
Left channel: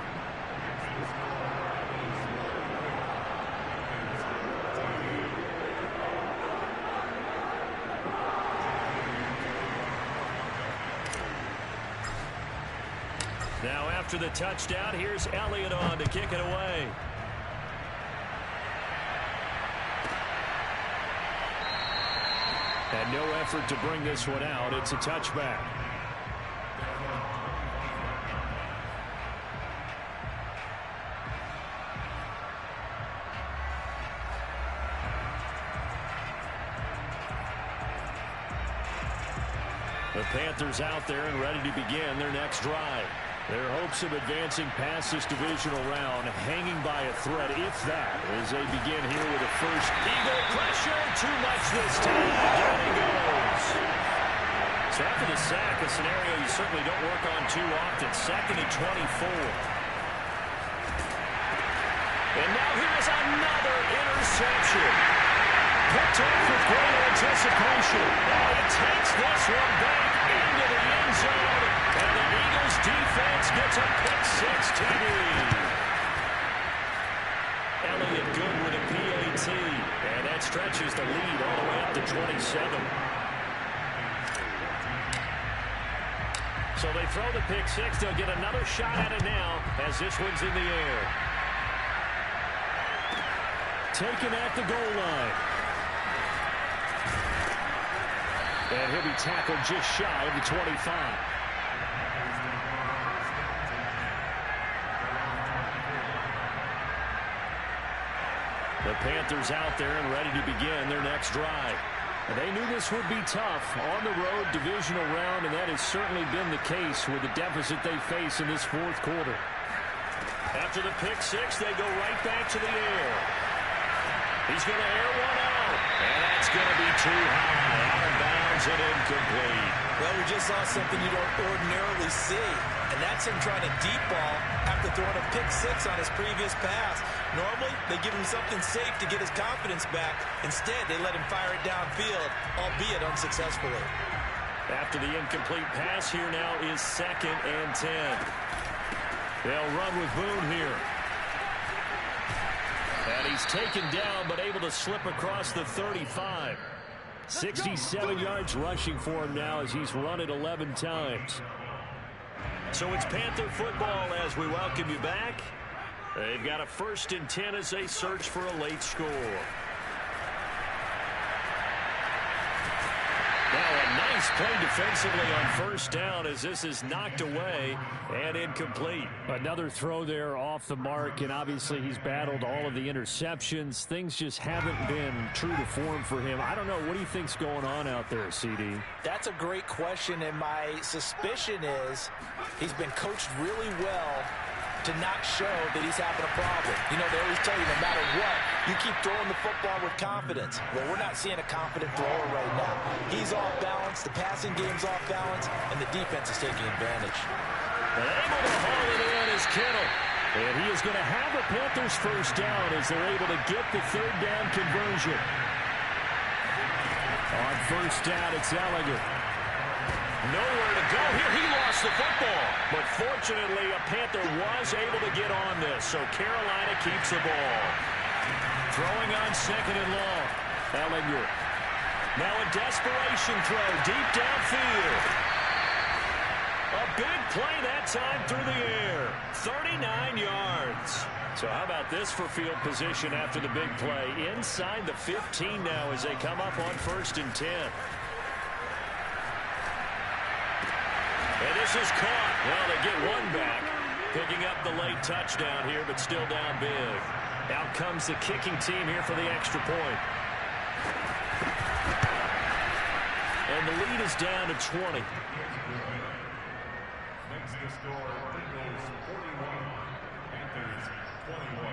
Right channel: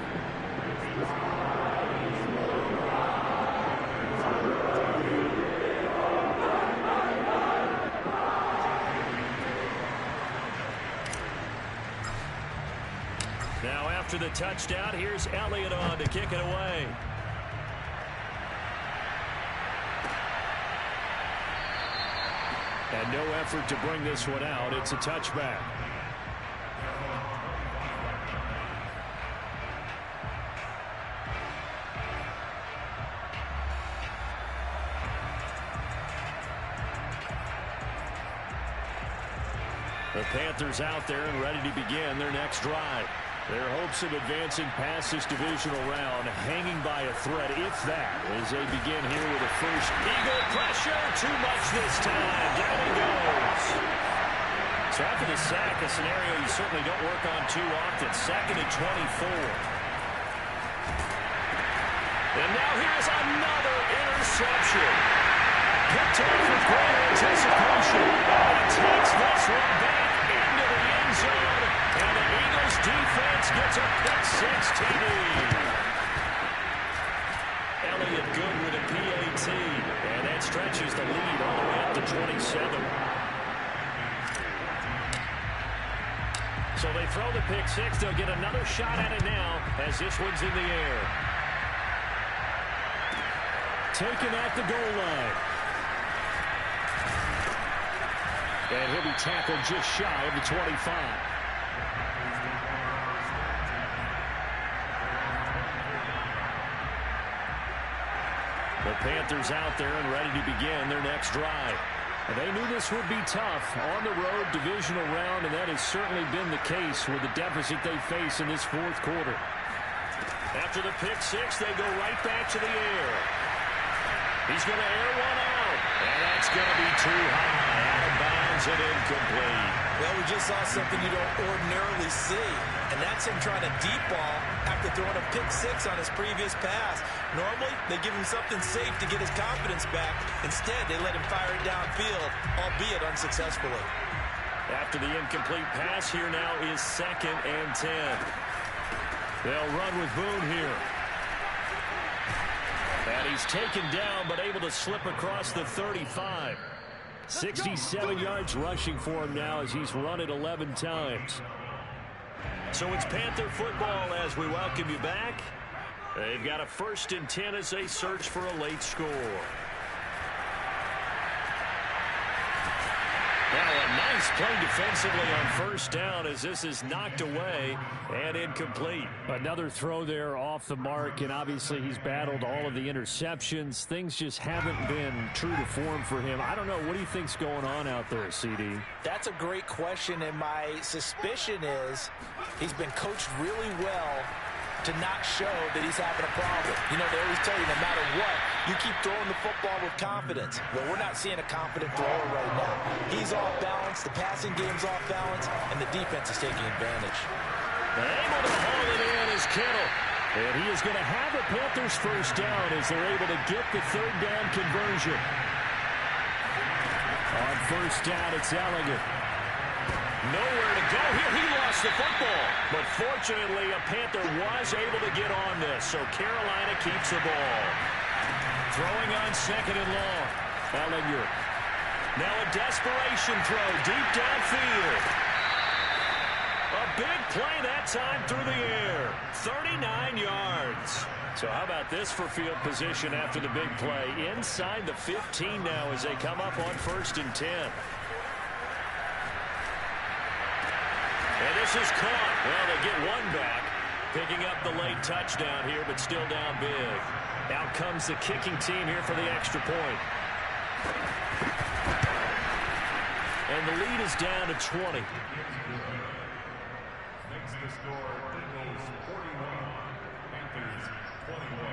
Now after the touchdown, here's Elliott on to kick it away. And no effort to bring this one out. It's a touchback. The Panthers out there and ready to begin their next drive. Their hopes of advancing past this divisional round hanging by a thread, if that, as they begin here with a first. Eagle pressure, too much this time. Down he goes. So after the sack, a scenario you certainly don't work on too often. 2nd and 24. And now here's another interception. Picked off with great anticipation. And he takes this one back into the end zone. And the Eagles defense gets a pick-6 TD. Elliott good with a PAT. And that stretches the lead all the way up to 27. So they throw the pick-6. They'll get another shot at it now as this one's in the air. Taken at the goal line. And he'll be tackled just shy of the 25. The Panthers out there and ready to begin their next drive. And they knew this would be tough on the road divisional round, and that has certainly been the case with the deficit they face in this fourth quarter. After the pick-6, they go right back to the air. He's going to air one out. And that's going to be too high, out of bounds and incomplete. Well, we just saw something you don't ordinarily see, and that's him trying to deep ball after throwing a pick six on his previous pass. Normally, they give him something safe to get his confidence back. Instead, they let him fire it downfield, albeit unsuccessfully. After the incomplete pass, here now is 2nd and 10. They'll run with Boone here. And he's taken down, but able to slip across the 35. 67 yards rushing for him now as he's run it 11 times. So it's Panther football as we welcome you back. They've got a 1st and 10 as they search for a late score. Now a nice play defensively on 1st down as this is knocked away and incomplete. Another throw there off the mark, and obviously he's battled all of the interceptions. Things just haven't been true to form for him. I don't know. What do you think's going on out there, CD? That's a great question, and my suspicion is he's been coached really well to not show that he's having a problem. You know, they always tell you no matter what, you keep throwing the football with confidence. Well, we're not seeing a confident thrower right now. He's off balance, the passing game's off balance, and the defense is taking advantage. Able to haul it in is Kittle. And he is going to have a Panthers 1st down as they're able to get the 3rd down conversion. On 1st down, it's Ellinger. Nowhere to go here. He lost the football. But fortunately, a Panther was able to get on this. So Carolina keeps the ball. Throwing on 2nd and long. Ellinger. Now a desperation throw deep downfield. A big play that time through the air. 39 yards. So how about this for field position after the big play? Inside the 15 now as they come up on 1st and 10. And this is caught. Well, they get one back. Picking up the late touchdown here, but still down big. Out comes the kicking team here for the extra point. And the lead is down to 20. Makes the score Eagles 41, Panthers 21.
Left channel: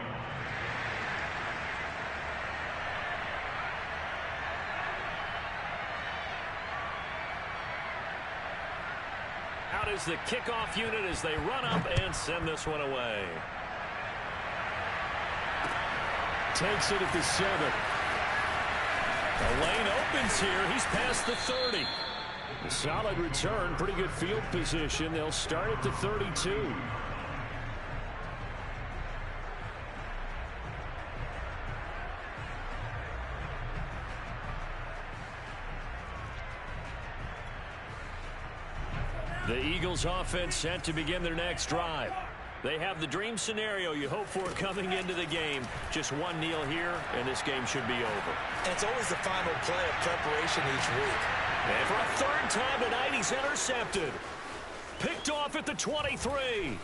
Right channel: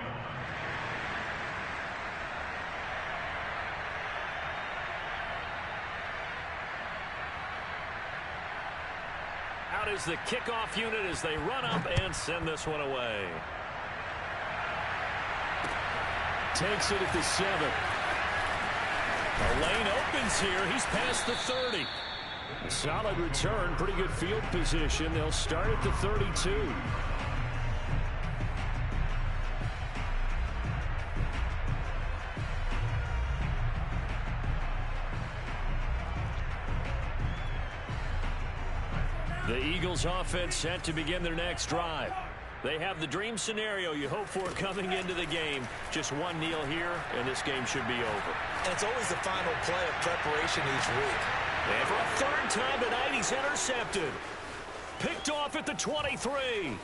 Out is the kickoff unit as they run up and send this one away. Takes it at the 7. The lane opens here. He's past the 30. Solid return. Pretty good field position. They'll start at the 32. The Eagles offense set to begin their next drive. They have the dream scenario you hope for coming into the game. Just one kneel here, and this game should be over. And it's always the final play of preparation each week. And for a 3rd time tonight, he's intercepted. Picked off at the 23.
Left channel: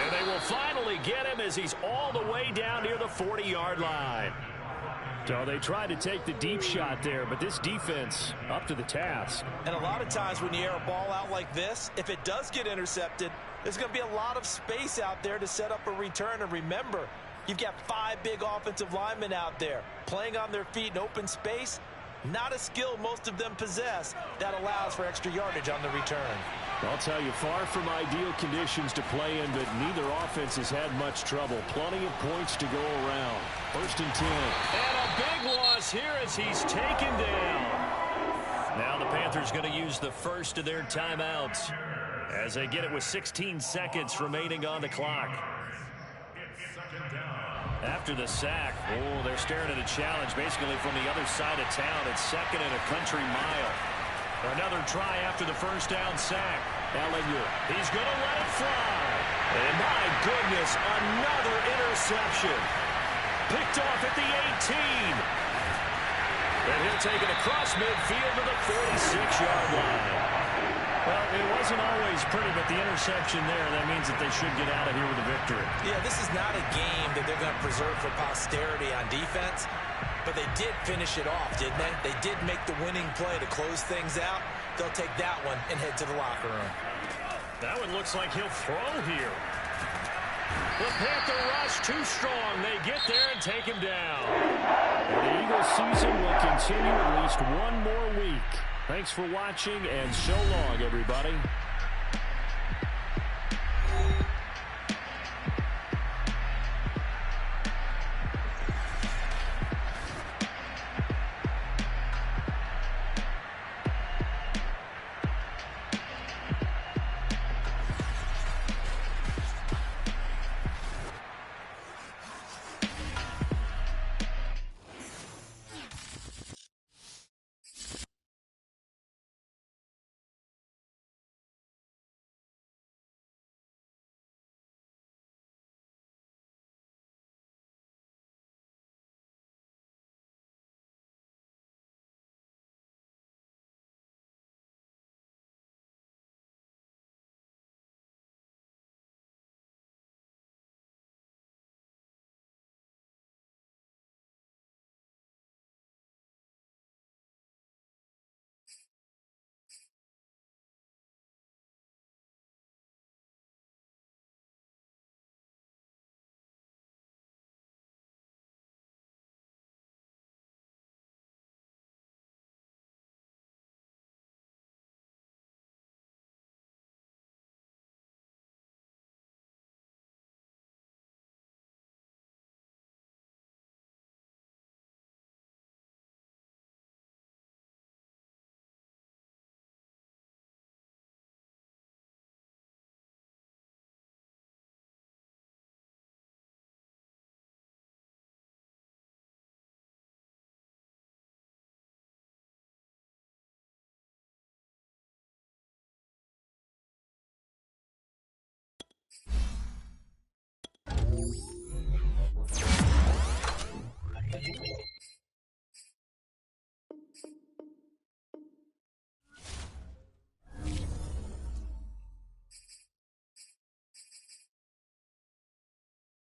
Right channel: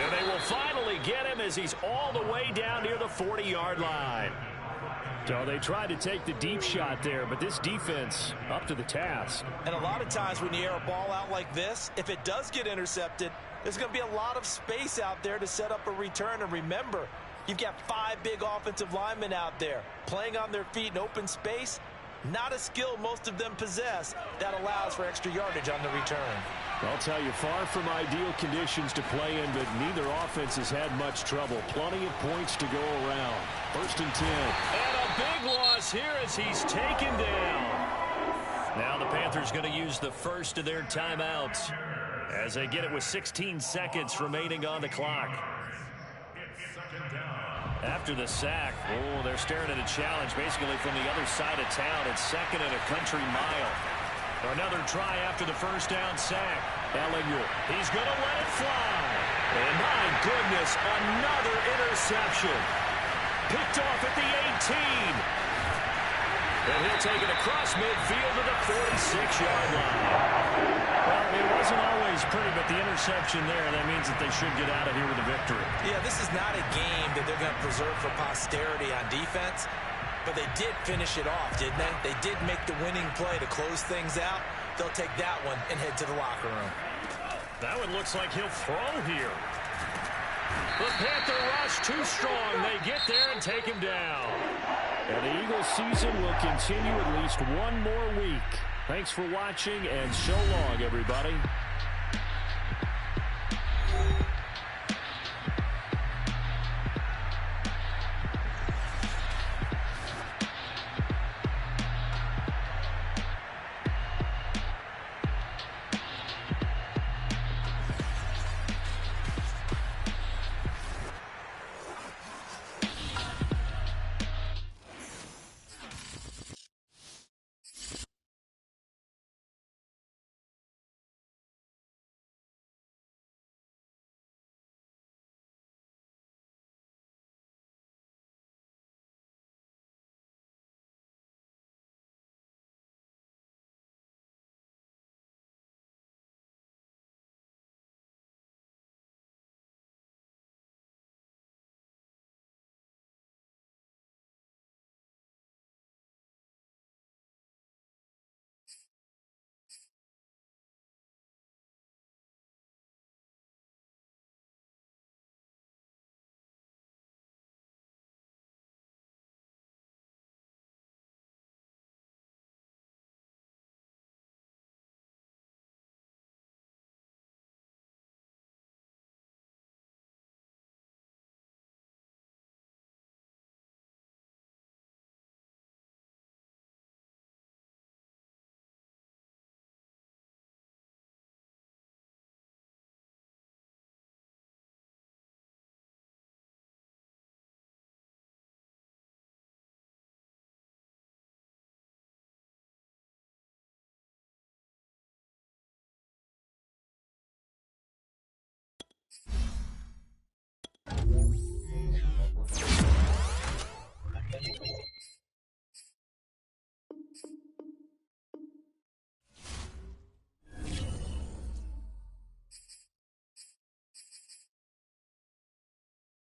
And they will finally get him as he's all the way down near the 40-yard line. So they tried to take the deep shot there, but this defense up to the task. And a lot of times when you air a ball out like this, if it does get intercepted, there's going to be a lot of space out there to set up a return. And remember, you've got 5 big offensive linemen out there playing on their feet in open space. Not a skill most of them possess that allows for extra yardage on the return. I'll tell you, far from ideal conditions to play in, but neither offense has had much trouble. Plenty of points to go around. 1st and 10. And a big loss here as he's taken down. Now the Panthers going to use the first of their timeouts as they get it with 16 seconds remaining on the clock. After the sack, they're staring at a challenge basically from the other side of town. It's 2nd and a country mile. Another try after the 1st down sack. Ellinger. He's going to let it fly. And my goodness, another interception. Picked off at the 18. And he'll take it across midfield to the 46-yard line. Well, it wasn't always pretty, but the interception there, that means that they should get out of here with a victory. Yeah, this is not a game that they're going to preserve for posterity on defense. But they did finish it off, didn't they? They did make the winning play to close things out. They'll take that one and head to the locker room. That one looks like he'll throw here. The Panther rush too strong. They get there and take him down. And the Eagles season will continue at least one more week. Thanks for watching, and so long, everybody.